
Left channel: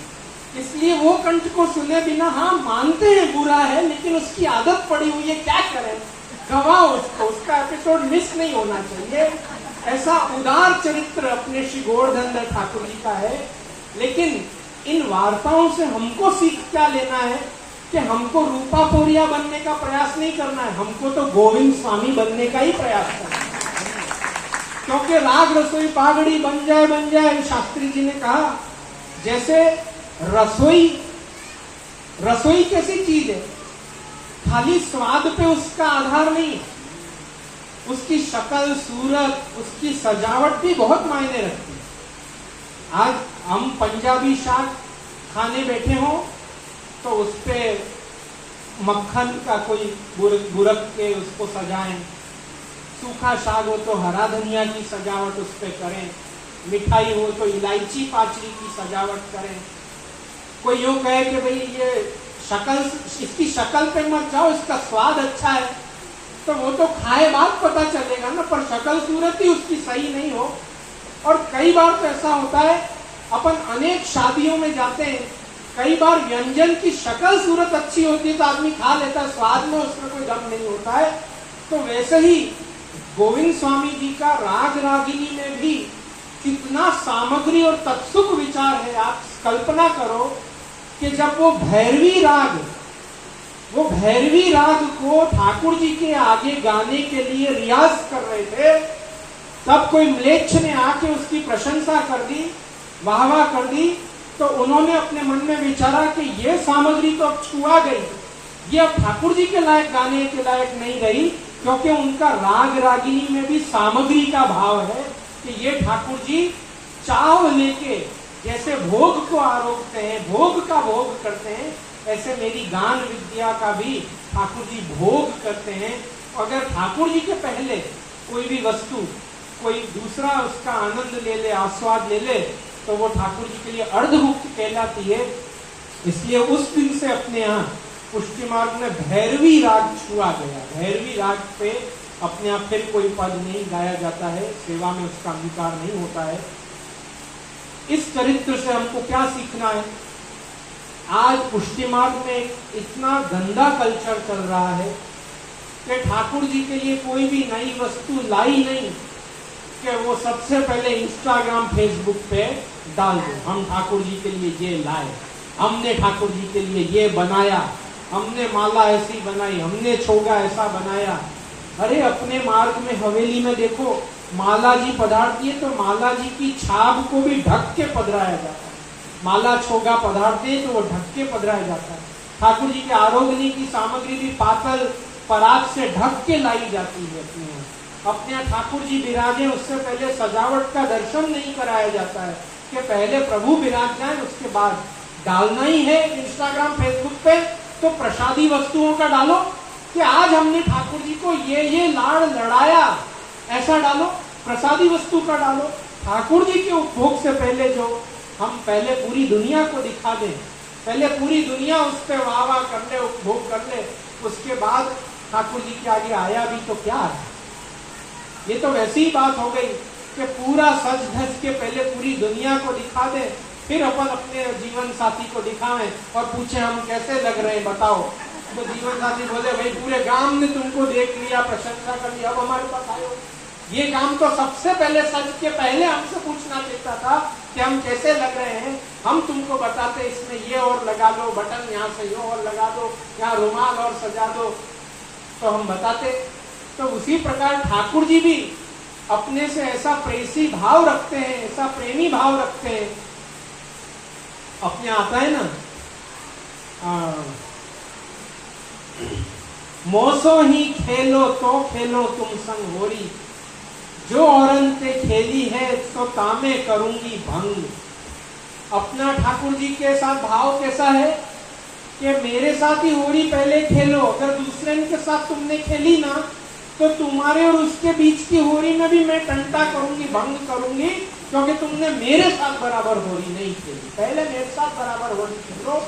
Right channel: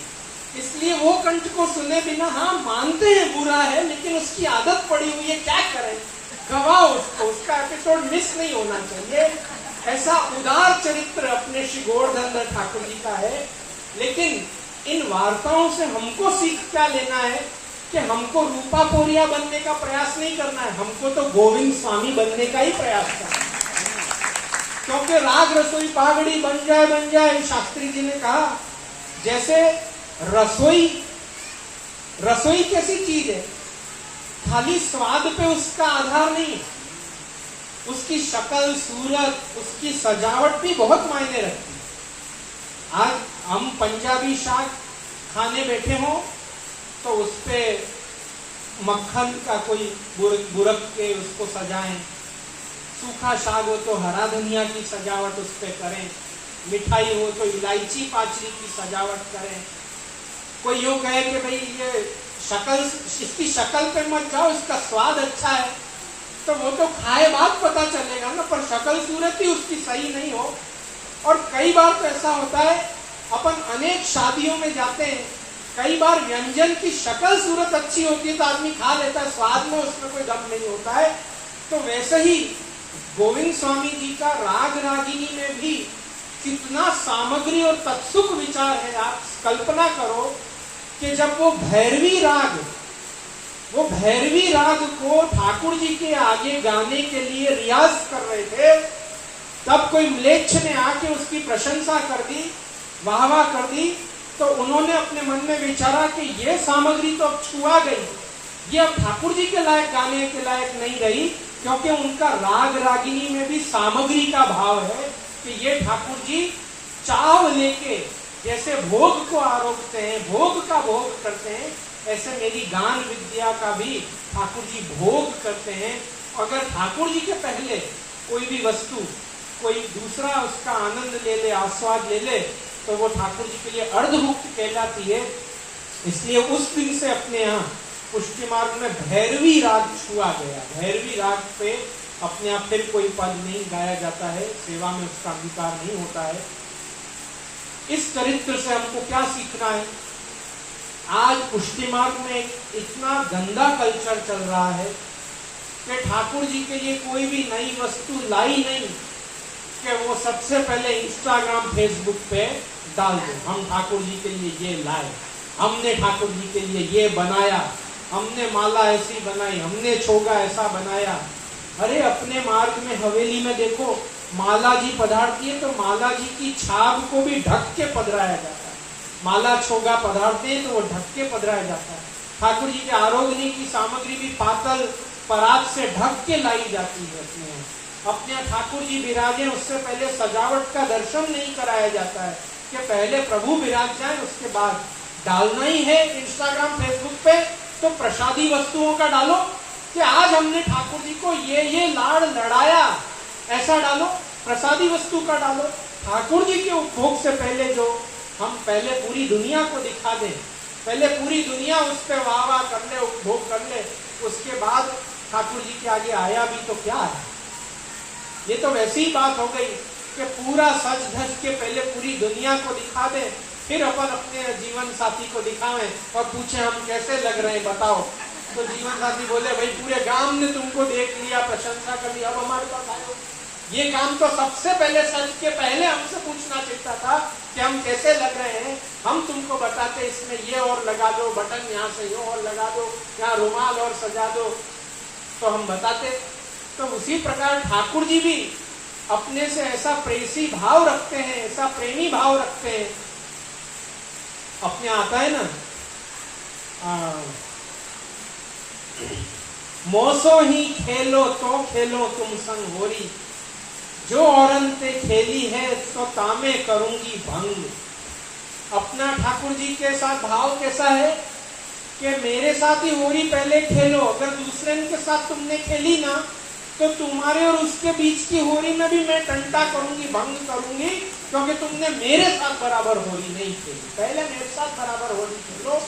इसलिए वो कंठ को सुने बिना, हाँ मानते हैं बुरा है लेकिन उसकी आदत पड़ी हुई है, क्या करें, गवाओ उसको, उसका एपिसोड मिस नहीं होना चाहिए। ऐसा उदार चरित्र अपने श्री गोवर्धन ठाकुर जी का है। लेकिन इन वार्ताओं से हमको सीख क्या लेना है कि हमको रूपा पोरिया बनने का प्रयास नहीं करना है, हमको तो गोविंद स्वामी बनने का ही प्रयास करना है। क्योंकि राग रसोई पागड़ी बन जाए, शास्त्री जी ने कहा जैसे रसोई कैसी चीज है, खाली स्वाद पे उसका आधार नहीं है, उसकी शक्ल सूरत, उसकी सजावट भी बहुत मायने रखती है। आज हम पंजाबी शाक खाने बैठे हो तो उस पे मक्खन का कोई बुरक के उसको सजाएं, सूखा साग हो तो हरा धनिया की सजावट उस पे करें, मिठाई हो तो इलायची पाचरी की सजावट करें। कोई यूं कहे कि भाई ये शक्ल, इसकी शक्ल पे मत जाओ, इसका स्वाद अच्छा है, तो वो तो खाए बाद पता चलेगा ना, पर शक्ल सूरत ही उसकी सही नहीं हो। और कई बार तो ऐसा होता है, अपन अनेक शादियों में जाते हैं, कई बार व्यंजन की शक्ल सूरत अच्छी होती है तो आदमी खा लेता है, स्वाद में उसमें कोई दम नहीं होता है। तो वैसे ही गोविंद स्वामी जी का राग रागिनी में भी कितना सामग्री और तत्सुक विचार है। आप कल्पना करो कि जब वो भैरवी राग को ठाकुर जी के आगे गाने के लिए रियाज कर रहे थे, तब कोई म्लेच्छ ने आके उसकी प्रशंसा कर दी, वाहवाह कर दी, तो उन्होंने अपने मन में विचारा कि ये सामग्री तो अब छुआ गई, ये अब ठाकुर जी के लायक गाने के लायक नहीं रही, क्योंकि उनका राग रागिनी में भी सामग्री का भाव है कि ये ठाकुर जी चाव लेके जैसे भोग को आरोपते हैं, भोग का भोग करते हैं, ऐसे मेरी गान विद्या का भी ठाकुर जी भोग करते हैं। अगर ठाकुर जी के पहले कोई भी वस्तु कोई दूसरा उसका आनंद ले ले, आस्वाद ले ले, तो वो ठाकुर जी के लिए अर्धभुक्त कहलाती है। इसलिए उस दिन से अपने यहाँ पुष्टि मार्ग में भैरवी राग छुआ गया। भैरवी राग पे अपने आप फिर कोई पद नहीं गाया जाता है, सेवा में उसका अंगीकार नहीं होता है। इस चरित्र से हमको क्या सीखना है? आज पुष्टि मार्ग में इतना गंदा कल्चर चल रहा है कि ठाकुर जी के लिए कोई भी नई वस्तु लाई नहीं कि वो सबसे पहले इंस्टाग्राम फेसबुक पे डाल दो, हम ठाकुर जी के लिए ये लाए, हमने ठाकुर जी के लिए ये बनाया, हमने माला ऐसी बनाई, हमने छोगा ऐसा बनाया। अरे अपने मार्ग में हवेली में देखो, माला जी पधारती है तो माला जी की छाप को भी ढक के पधराया जाता है। माला छोगा पधारते हैं तो वो ढक के पधराया जाता है। ठाकुर जी के आरोग्य की सामग्री भी पातल परात से ढक के लाई जाती है। अपने ठाकुर जी विराजे, उससे पहले सजावट का दर्शन नहीं कराया जाता है कि पहले प्रभु विराज जाए, उसके बाद डालना ही है इंस्टाग्राम फेसबुक पे तो प्रसादी वस्तुओं का डालो कि आज हमने ठाकुर जी को ये लाड़ लड़ाया, ऐसा डालो। प्रसादी वस्तु का डालो। ठाकुर जी के उपभोग से पहले जो हम पहले पूरी दुनिया को दिखा दें, पहले पूरी दुनिया उस पर वाह वाह कर ले, उपभोग कर ले, उसके बाद ठाकुर जी के आगे आया भी तो क्या है। ये तो वैसी ही बात हो गई कि पूरा सज धज के पहले पूरी दुनिया को दिखा दे, फिर अपन अपने जीवन साथी को दिखावें और पूछे हम कैसे लग रहे हैं बताओ। तो जीवन साथी बोले भाई पूरे गांव ने तुमको देख लिया, प्रशंसा कर ली, अब हमारे पास आए हो। ये काम तो सबसे पहले सज के पहले हमसे पूछना चाहिए था कि हम कैसे लग रहे हैं। हम तुमको बताते इसमें ये और लगा दो, बटन यहाँ से ये और लगा दो, यहाँ रुमाल और सजा दो, तो हम बताते। तो उसी प्रकार ठाकुर जी भी अपने से ऐसा प्रेसी भाव रखते हैं, ऐसा प्रेमी भाव रखते हैं। अपने आता है ना मोसो ही खेलो तो खेलो तुम संग होरी, जो औरन ते खेली है तो तामे करूंगी भंग। अपना ठाकुर जी के साथ भाव कैसा है कि मेरे साथ ही होरी पहले खेलो, अगर दूसरे के साथ तुमने खेली ना तो तुम्हारे और उसके बीच की होरी में भी मैं टंटा करूंगी, भंग करूंगी, क्योंकि तुमने मेरे साथ बराबर होरी नहीं खेली। पहले मेरे साथ बराबर होरी खेलो,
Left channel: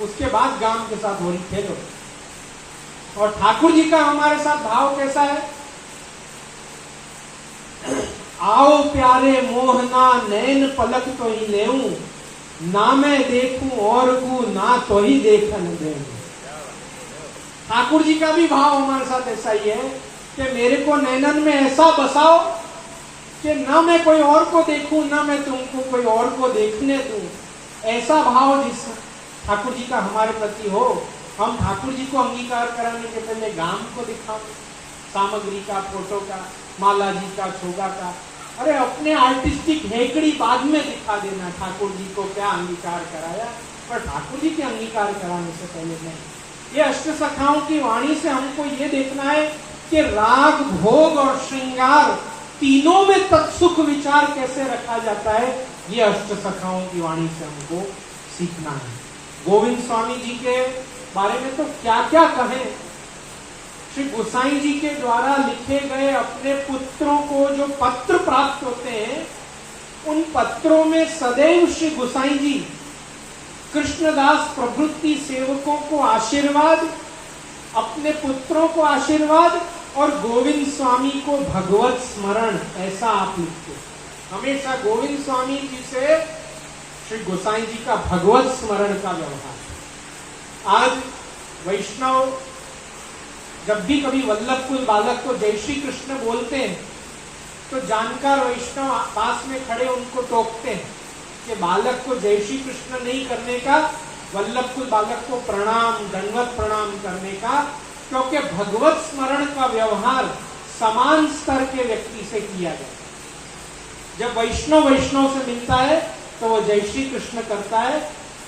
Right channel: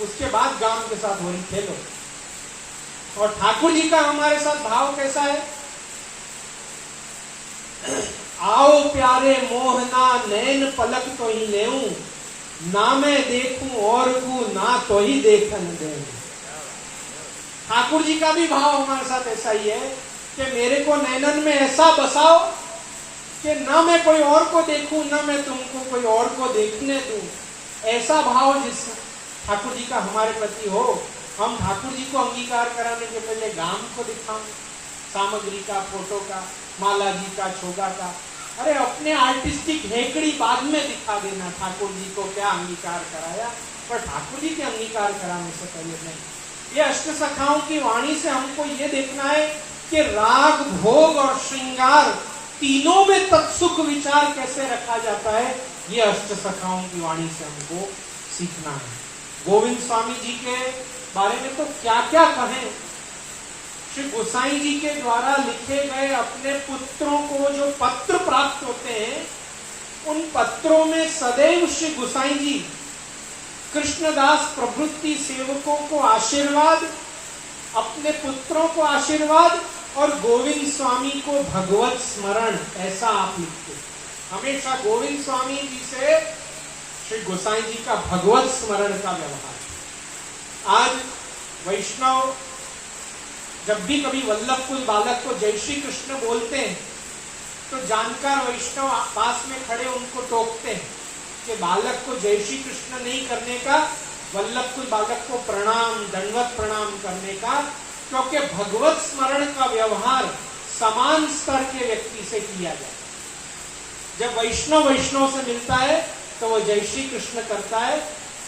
उसके बाद गांव के साथ होरी खेलो। और ठाकुर जी का हमारे साथ भाव कैसा है, आओ प्यारे मोहना नैन पलक तो ही लेऊं, ना मैं देखूं और को ना तो ही देखन देऊं। ठाकुर जी का भी भाव हमारे साथ ऐसा ही है कि मेरे को नैनन में ऐसा बसाओ कि ना मैं कोई और को देखूं, ना मैं तुमको कोई और को देखने दूं। ऐसा भाव जिस ठाकुर जी का हमारे प्रति हो, हम ठाकुर जी को अंगीकार कराने के पहले गांव को दिखाओ, सामग्री का, फोटो का, माला जी का, छोगा का। अरे अपने आर्टिस्टिक हेकड़ी बाद में दिखा देना ठाकुर जी को क्या अंगीकार कराया, पर ठाकुर जी के अंगीकार कराने से पहले नहीं। ये अष्ट सखाओं की वाणी से हमको ये देखना है कि राग, भोग और श्रृंगार तीनों में तत्सुख विचार कैसे रखा जाता है, ये अष्ट सखाओं की वाणी से हमको सीखना है। गोविंद स्वामी जी के बारे में तो क्या क्या कहें। श्री गोसाई जी के द्वारा लिखे गए अपने पुत्रों को जो पत्र प्राप्त होते हैं, उन पत्रों में सदैव श्री गोसाई जी कृष्णदास प्रभृति सेवकों को आशीर्वाद, अपने पुत्रों को आशीर्वाद और गोविंद स्वामी को भगवत स्मरण, ऐसा आप लिखते। हमेशा गोविंद स्वामी जी से श्री गोसाई जी का भगवत स्मरण का व्यवहार। आज वैष्णव जब भी कभी वल्लभकुल बालक को जय श्री कृष्ण बोलते हैं तो जानकार वैष्णव पास में खड़े उनको टोकते हैं कि बालक को जय श्री कृष्ण नहीं करने का, वल्लभकुल बालक को प्रणाम, दंडवत प्रणाम करने का, क्योंकि भगवत स्मरण का व्यवहार समान स्तर के व्यक्ति से किया जाता है। जब वैष्णव से मिलता है तो वो जय श्री कृष्ण करता है,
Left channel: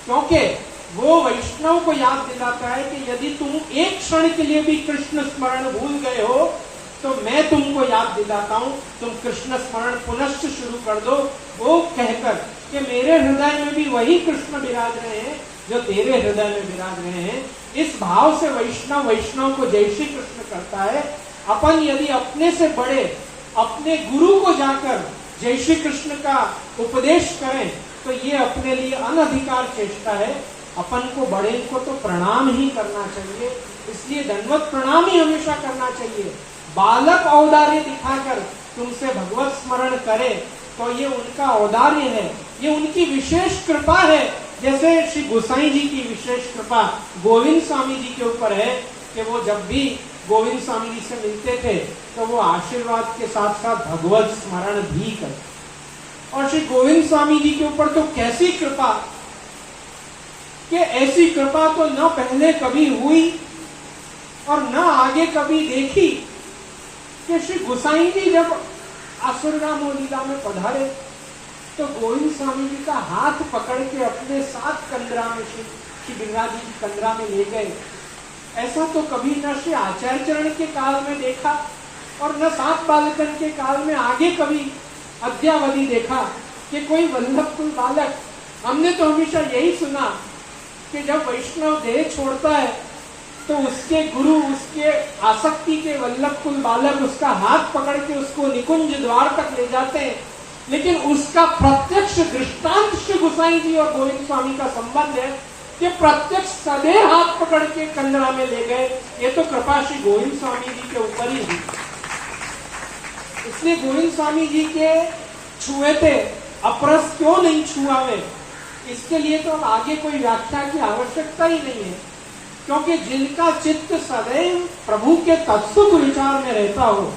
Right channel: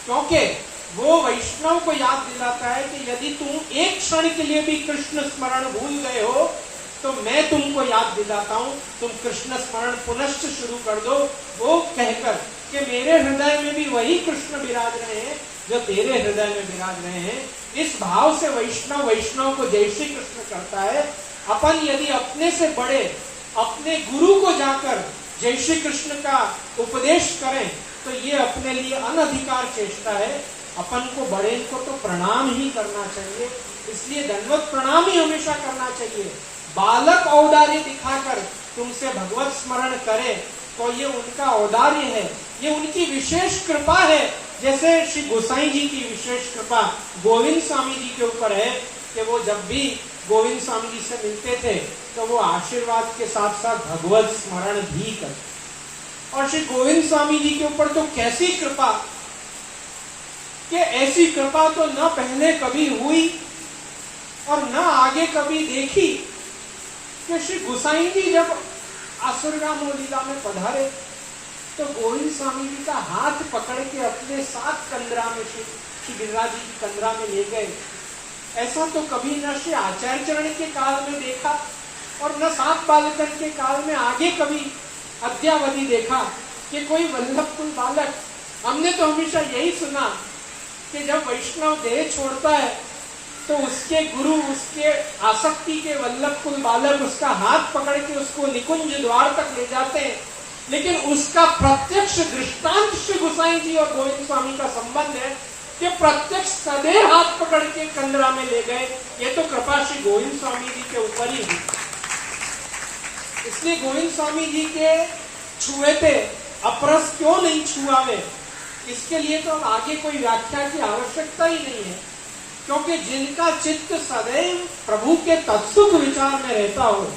क्योंकि वो वैष्णव को याद दिलाता है कि यदि तुम एक क्षण के लिए भी कृष्ण स्मरण भूल गए हो तो मैं तुमको याद दिलाता हूं, तुम कृष्ण स्मरण पुनश्च शुरू कर दो, वो कहकर कि मेरे हृदय में भी वही कृष्ण विराज रहे हैं जो तेरे हृदय में विराज रहे हैं। इस भाव से वैष्णव को जय श्री कृष्ण करता है। अपन यदि अपने से बड़े अपने गुरु को जाकर जय श्री कृष्ण का उपदेश करें तो ये अपने लिए अनधिकार चेष्टा है। अपन को बड़े को तो प्रणाम ही करना चाहिए, इसलिए दंडवत प्रणाम ही हमेशा करना चाहिए। बालक औदार्य दिखाकर तुमसे भगवत स्मरण करे तो ये उनका औदार्य है, ये उनकी विशेष कृपा है। जैसे श्री गोसाई जी की विशेष कृपा गोविंद स्वामी जी के ऊपर है कि वो जब भी गोविंद स्वामी जी से मिलते थे तो वो आशीर्वाद के साथ साथ भगवत स्मरण भी करते। और श्री गोविंद स्वामी जी के ऊपर तो कैसी कृपा कि ऐसी कृपा तो न पहले कभी हुई और न आगे कभी देखी कि श्री गोसाई जी जब आसुरगाम लीला में पधारे तो गोविंद स्वामी जी का हाथ पकड़ के अपने साथ कंदरा में श्री गिरिराज जी की कंदरा में ले गए। ऐसा तो कभी न श्री आचार्य चरण के काल में देखा और न सात बालकन के काल में आगे कभी अद्यावधि देखा कि कोई वल्लभकुल बालक। हमने तो हमेशा यही सुना कि जब वैष्णव देह छोड़ता है तो उसके गुरु, उसके आसक्ति के वल्लभकुल बालक उसका हाथ पकड़ के उसको निकुंज द्वार तक ले जाते हैं, लेकिन उसका प्रत्यक्ष दृष्टांत श्री गोसाई जी और गोविंद स्वामी का संबंध है कि प्रत्यक्ष सदैव हाथ पकड़ के कंदरा में ले गए। ये तो कृपा श्री गोविंद स्वामी जी के ऊपर ही हुई। इसलिए गोविंद स्वामी जी के छुए थे, अपरस क्यों नहीं छुआवे, इसके लिए तो अब आगे कोई व्याख्या की आवश्यकता ही नहीं है, क्योंकि जिनका चित्त सदैव प्रभु के तत्सुख विचार में रहता हो,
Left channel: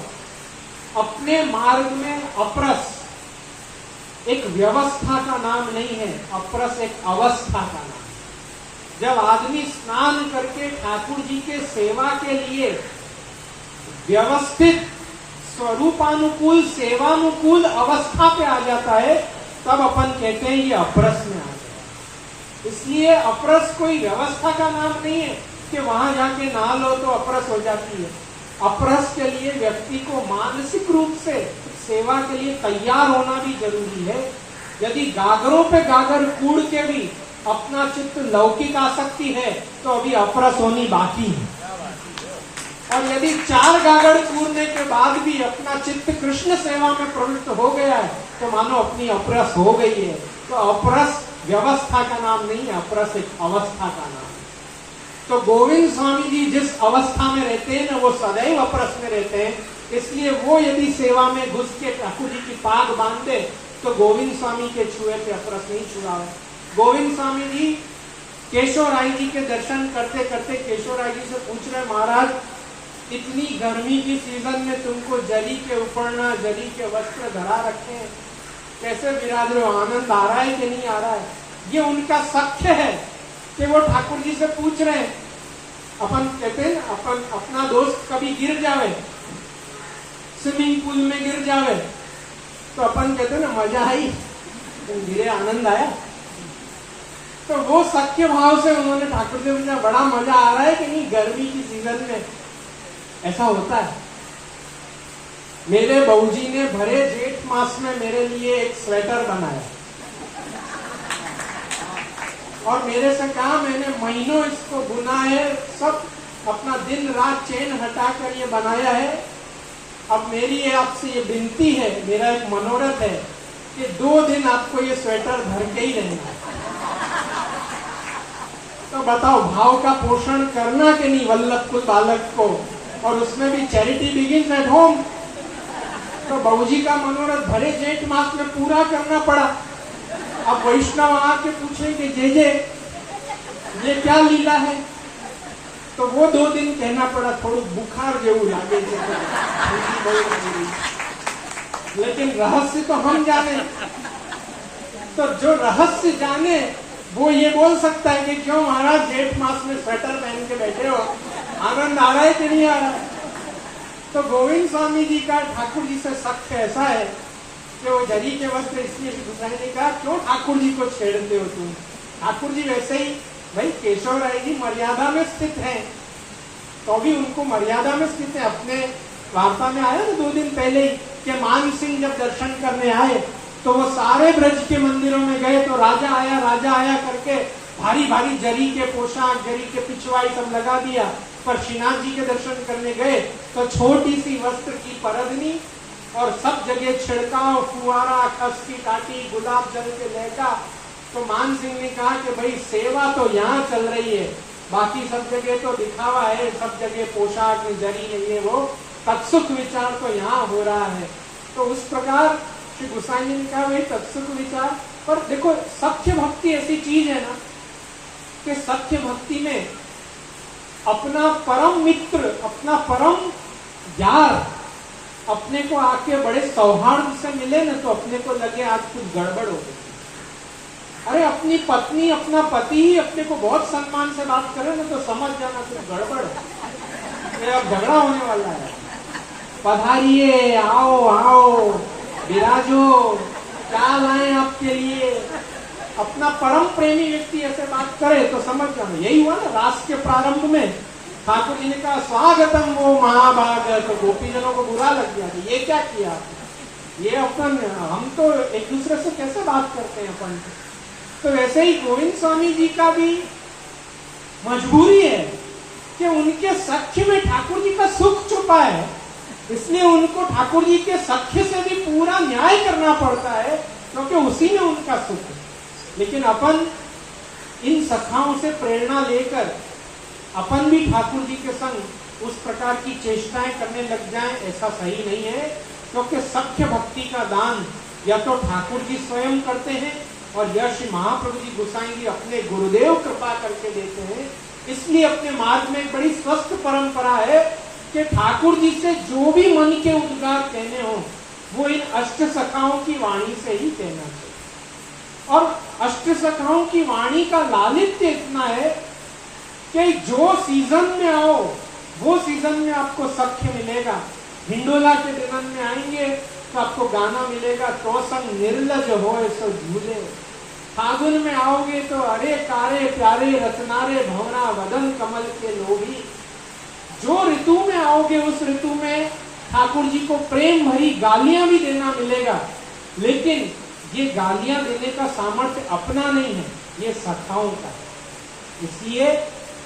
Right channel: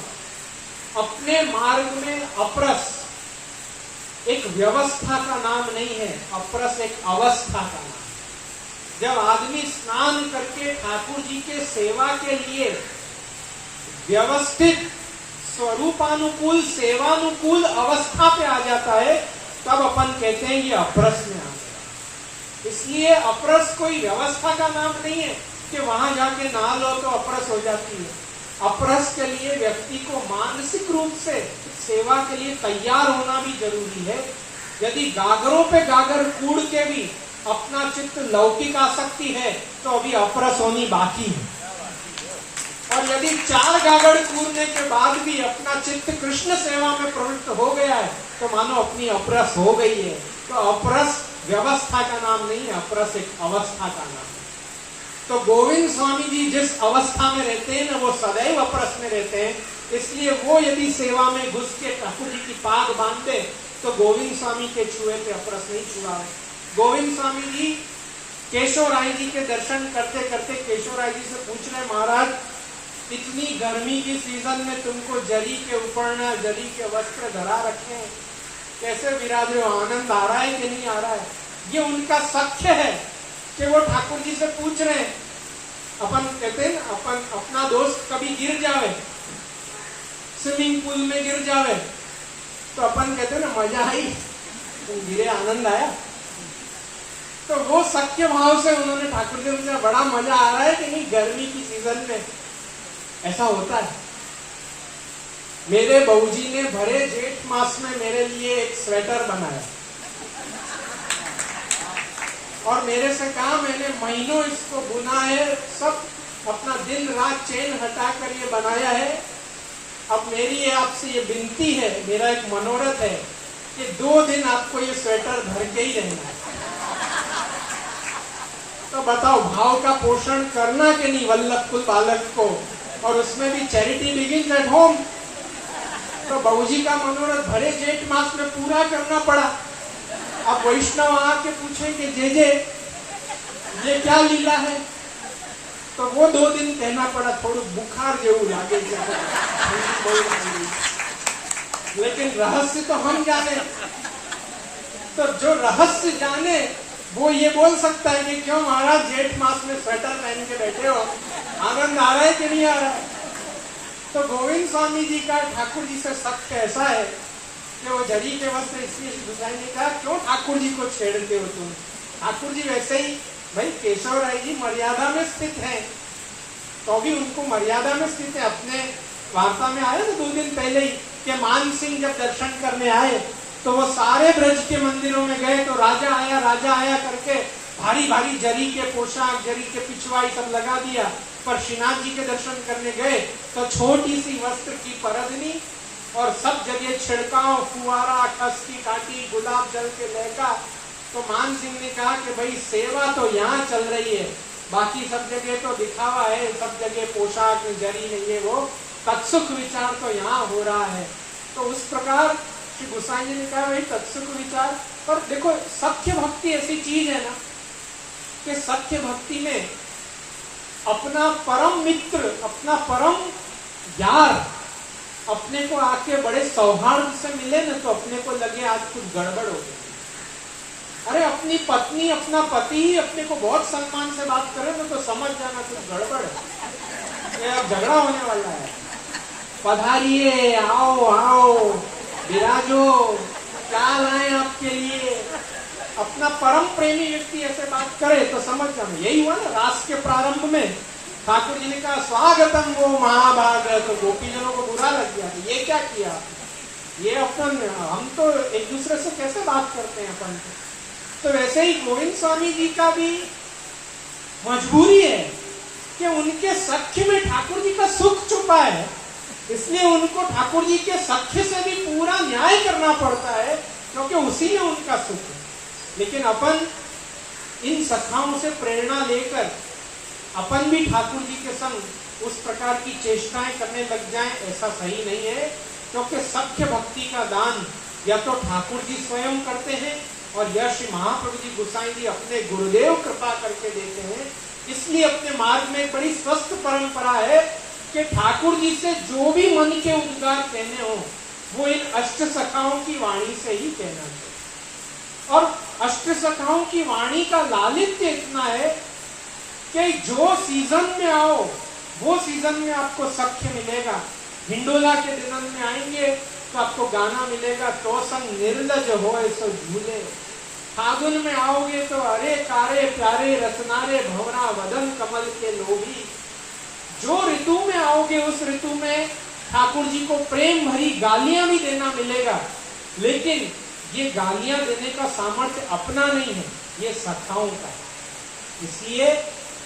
अपने मार्ग में अपरस एक व्यवस्था का नाम नहीं है, अपरस एक अवस्था का नाम। जब आदमी स्नान करके ठाकुर जी के सेवा के लिए व्यवस्थित स्वरूपानुकूल सेवानुकूल अवस्था पे आ जाता है, तब अपन कहते हैं ये अपरस में आ गया। इसलिए अपरस कोई व्यवस्था का नाम नहीं है कि वहां जाके नहा लो तो अपरस हो जाती है। अपरस के लिए व्यक्ति को मानसिक रूप से सेवा के लिए तैयार होना भी जरूरी है। यदि गागरों पे गागर कूड़ के भी अपना चित्त लौकिक आसक्ति है तो अभी अपरस होनी बाकी है, और यदि 4 गागर कूड़ने के बाद भी अपना चित्त कृष्ण सेवा में प्रवृत्त हो गया है तो मानो अपनी अपरस हो गई है। तो अपरस व्यवस्था का नाम नहीं है, अपरस एक अवस्था का नाम है। तो गोविंद स्वामी जी जिस अवस्था में रहते हैं ना, वो सदैव अपरस में रहते हैं। इसलिए वो यदि सेवा में घुस के ठाकुर जी की पाग बांध दे तो गोविंद स्वामी के छुए पे अपरस नहीं छुआवे। गोविंद स्वामी जी केशव राय जी के दर्शन करते करते केशव राय जी से पूछ रहे, महाराज इतनी गर्मी की सीजन में तुमको जरी के उपरना, जरी के वस्त्र धरा रखे हैं, कैसे विराज रहे हो, आनंद आ रहा है कि नहीं आ रहा है? ये उनका सख्य है कि वो ठाकुर जी से पूछ रहे हैं। अपन कहते हैं ना, अपन अपना दोस्त कभी गिर जावे, स्विमिंग पूल में गिर जावे, तो अपन कहते हैं ना मजा आई, तुम गिरे आनंद आया। तो वो सख्य भाव से उन्होंने ठाकुर जी से बड़ा मजा आ रहा है कि नहीं गर्मी की सीजन में? ऐसा होता है। मेरे बहूजी ने भरे जेठ मास में मेरे लिए एक स्वेटर बनाया और मेरे से कहा मैंने महीनों इसको बुना है, सब अपना दिन रात चैन हटाकर ये बनाया है। अब मेरी आपसे ये विनती है, मेरा एक मनोरथ है कि 2 दिन आपको ये स्वेटर भर के ही रहना है। तो बताओ भाव का पोषण करना कि नहीं वल्लभ कुल बालक को, और उसमें भी चैरिटी बिगिंस एट होम। तो बहूजी का मनोरथ भरे जेठ मास में पूरा करना पड़ा। अब वैष्णव आके पूछेंगे जे ये क्या लीला है, तो वो 2 दिन कहना पड़ा थोड़ा बुखार जेऊ लागे છે, लेकिन रहस्य तो हम जाने। तो जो रहस्य जाने वो ये बोल सकता है कि क्यों महाराज जेठ मास में स्वेटर पहन के बैठे हो, आनंद आ रहा है कि नहीं आ रहा है? तो गोविंद स्वामी जी का ठाकुर जी से सख्य ऐसा है कि वो जरी के वस्त्र इसलिए गुसाई ने कहा क्यों ठाकुर जी को छेड़ते हो तुम? ठाकुर जी वैसे ही भाई केशव राय जी मर्यादा में स्थित हैं, तो भी उनको मर्यादा में स्थित है। अपने वार्ता में आया ना 2 दिन पहले ही कि मान सिंह जब दर्शन करने आए तो वो सारे ब्रज के मंदिरों में गए, तो राजा आया करके भारी भारी जरी के पोशाक, जरी के पिछवाई सब लगा दिया। पर श्रीनाथ जी के दर्शन करने गए तो छोटी सी वस्त्र की परदनी और सब जगह छिड़काव, फुआरा, खस की काटी, गुलाब जल के लहका। तो मान सिंह ने कहा कि भाई सेवा तो यहाँ चल रही है, बाकी सब जगह तो दिखावा है, सब जगह पोशाक में जरी नहीं है, वो तत्सुख विचार तो यहाँ हो रहा है। तो उस प्रकार श्री गोसाई जी ने कहा भाई तत्सुख विचार। पर देखो सत्य भक्ति ऐसी चीज है ना कि सत्य भक्ति में अपना परम मित्र, अपना परम यार अपने को आके बड़े सौहार्द से मिले ना, तो अपने को लगे आज कुछ गड़बड़ हो गई। अरे अपनी पत्नी, अपना पति ही अपने को बहुत सम्मान से बात करे ना, तो समझ जाना कुछ गड़बड़ है, अब झगड़ा होने वाला है। पधारिए, आओ आओ, विराजो, क्या लाए आपके लिए। अपना परम प्रेमी व्यक्ति ऐसे बात करे तो समझ जाना। यही हुआ ना रास के प्रारंभ में ठाकुर जी ने कहा स्वागतम वो महाभाग, तो गोपीजनों को बुरा लग गया कि ये क्या किया, ये अपन, हम तो एक दूसरे से कैसे बात करते हैं अपन। तो वैसे ही गोविंद स्वामी जी का भी मजबूरी है कि उनके सख्य में ठाकुर जी का सुख छुपा है, इसलिए उनको ठाकुर जी के सख्य से भी पूरा न्याय करना पड़ता है, क्योंकि उसी में उनका सुख है। लेकिन अपन इन सखाओं से प्रेरणा लेकर अपन भी ठाकुर जी के संग उस प्रकार की चेष्टाएं करने लग जाएं, ऐसा सही नहीं है। क्योंकि सख्य भक्ति का दान या तो ठाकुर जी स्वयं करते हैं और या श्री महाप्रभु जी गोसाई जी अपने गुरुदेव कृपा करके देते हैं। इसलिए अपने मार्ग में एक बड़ी स्वस्थ परंपरा है कि ठाकुर जी से जो भी मन के उद्गार कहने हो वो इन अष्ट सखाओं की वाणी से ही कहना चाहिए। और अष्ट सखाओं की वाणी का लालित्य इतना है कि जो सीजन में आओ वो सीजन में आपको सख्य मिलेगा। हिंडोला के दिनन में आएंगे तो आपको गाना मिलेगा, तो संग निर्लज हो सो झूले। फागुन में आओगे तो अरे कारे प्यारे रत्नारे भंवरा वदन कमल के लोभी। जो ऋतु में आओगे उस ऋतु में ठाकुर जी को प्रेम भरी गालियां भी देना मिलेगा, लेकिन ये गालियां देने का सामर्थ्य अपना नहीं है, ये सखाओं का है। इसलिए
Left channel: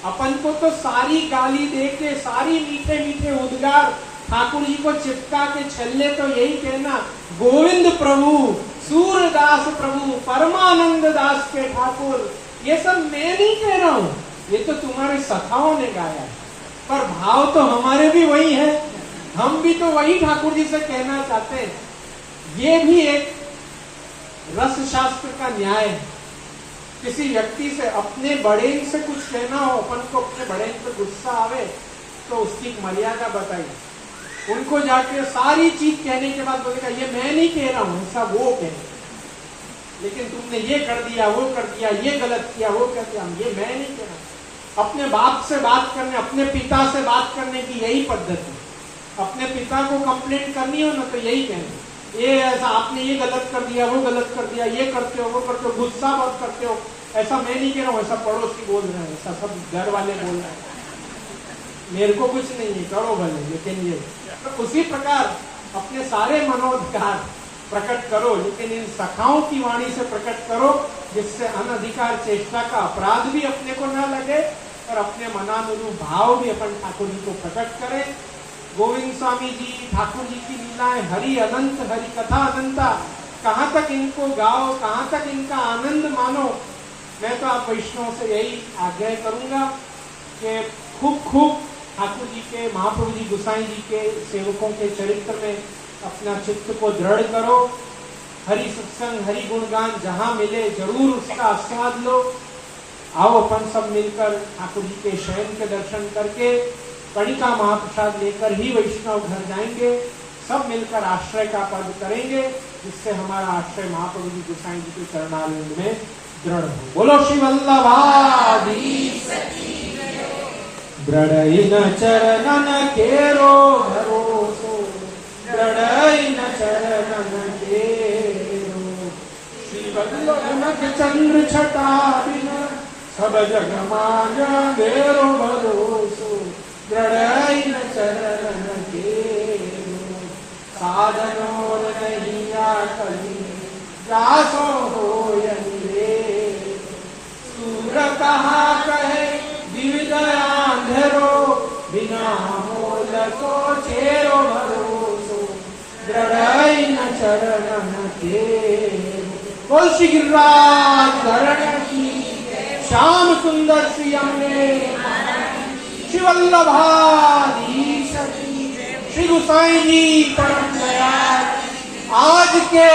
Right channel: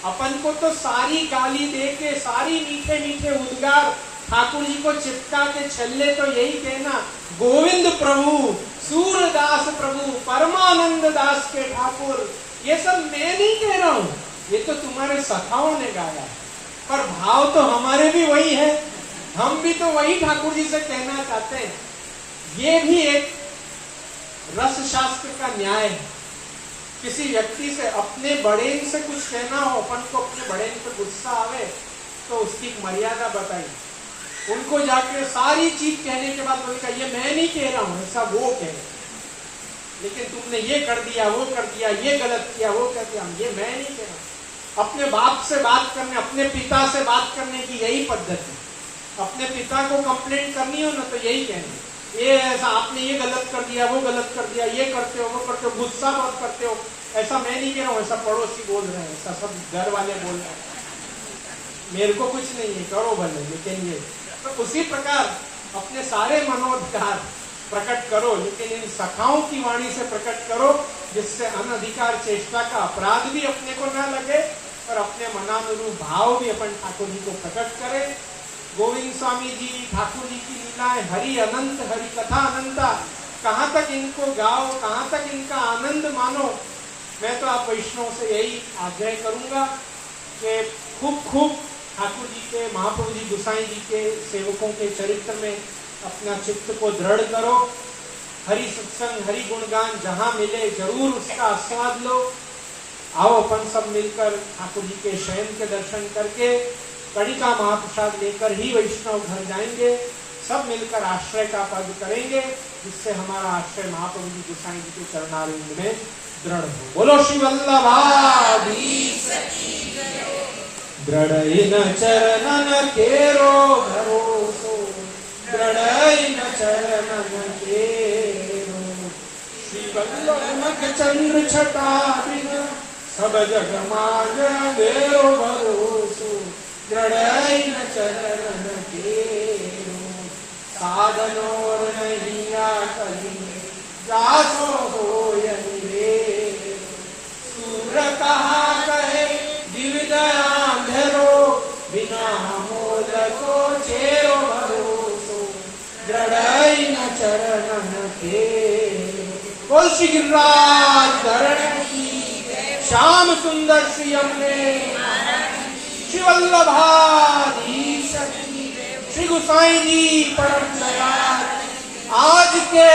अपन को तो सारी गाली दे के सारी मीठे मीठे उद्गार ठाकुर जी को चिपका के छल्ले तो यही कहना, गोविंद प्रभु, सूरदास प्रभु, परमानंद दास के ठाकुर। ये सब मैं नहीं कह रहा हूं, ये तो तुम्हारे सखाओं ने गाया है। पर भाव तो हमारे भी वही है, हम भी तो वही ठाकुर जी से कहना चाहते हैं। ये भी एक रस शास्त्र का न्याय है। किसी व्यक्ति से अपने बड़े से कुछ कहना हो, अपन को अपने बड़े पे गुस्सा आवे तो उसकी एक मर्यादा बताई। उनको जाके सारी चीज कहने के बाद बोलेगा ये मैं नहीं कह रहा हूं, ऐसा वो कह, लेकिन तुमने ये कर दिया, वो कर दिया, ये गलत किया, वो कर दिया, ये मैं नहीं कह रहा। अपने बाप से बात करने, अपने पिता से बात करने की यही पद्धति। अपने पिता को कंप्लेंट करनी हो ना तो यही कहना, ये ऐसा आपने ये गलत कर दिया, वो गलत कर दिया, ये करते हो, वो करते हो, गुस्सा बहुत करते हो, ऐसा मैं नहीं कह रहा हूँ, ऐसा पड़ोसी बोल रहे हैं, ऐसा सब घर वाले बोल रहे हैं, मेरे को कुछ नहीं है, करो भले, लेकिन ये तो उसी प्रकार अपने सारे मनोधिकार प्रकट करो, लेकिन इन सखाओं की वाणी से प्रकट करो, जिससे अनधिकार चेष्टा का अपराध भी अपने को न लगे और अपने मनानुरूप भाव भी अपन ठाकुर जी को प्रकट करें। गोविंद स्वामी जी, ठाकुर जी की लीलाएं हरि अनंत, हरि कथा अनंता, कहाँ तक इनको गाओ, कहाँ तक इनका आनंद मानो। मैं तो आप वैष्णव से यही आग्रह करूंगा कि खूब खूब ठाकुर जी के, महाप्रभु जी गोसाई जी के सेवकों के चरित्र में अपना चित्त को दृढ़ करो। हरि सत्संग, हरि गुणगान जहां मिले जरूर उसका आस्वाद लो। आओ अपन सब मिलकर ठाकुर जी के शयन के दर्शन करके कणिका महाप्रसाद लेकर ही वैष्णव घर जाएंगे। सब मिलकर आश्रय का पद करेंगे, जिससे हमारा आश्रय महाप्रभु जी गोसाई जी के चरणारविंद में दृढ़ हो। बोलो श्री वल्लभाधीश। दृढ़ चरणन केरो भरोसो, दृढ़ चरणन केरो। श्री वल्लभ चंद्र छटा बिन सब जग मान देरो भरोसो, दृढ़ चरणन केरो। साधनोर नहीं आकली जासो होय निवेद। सूर कहा कहे दिव्य अंधेरो, बिना मोल को चेरो भरोसो, दृढ़ चरणन केरो। बोल श्री गिरिराज धरण की, श्याम सुंदर श्री अम्बे, श्री वल्लभाधीश, श्री गोसाई जी परम दयाल। आज के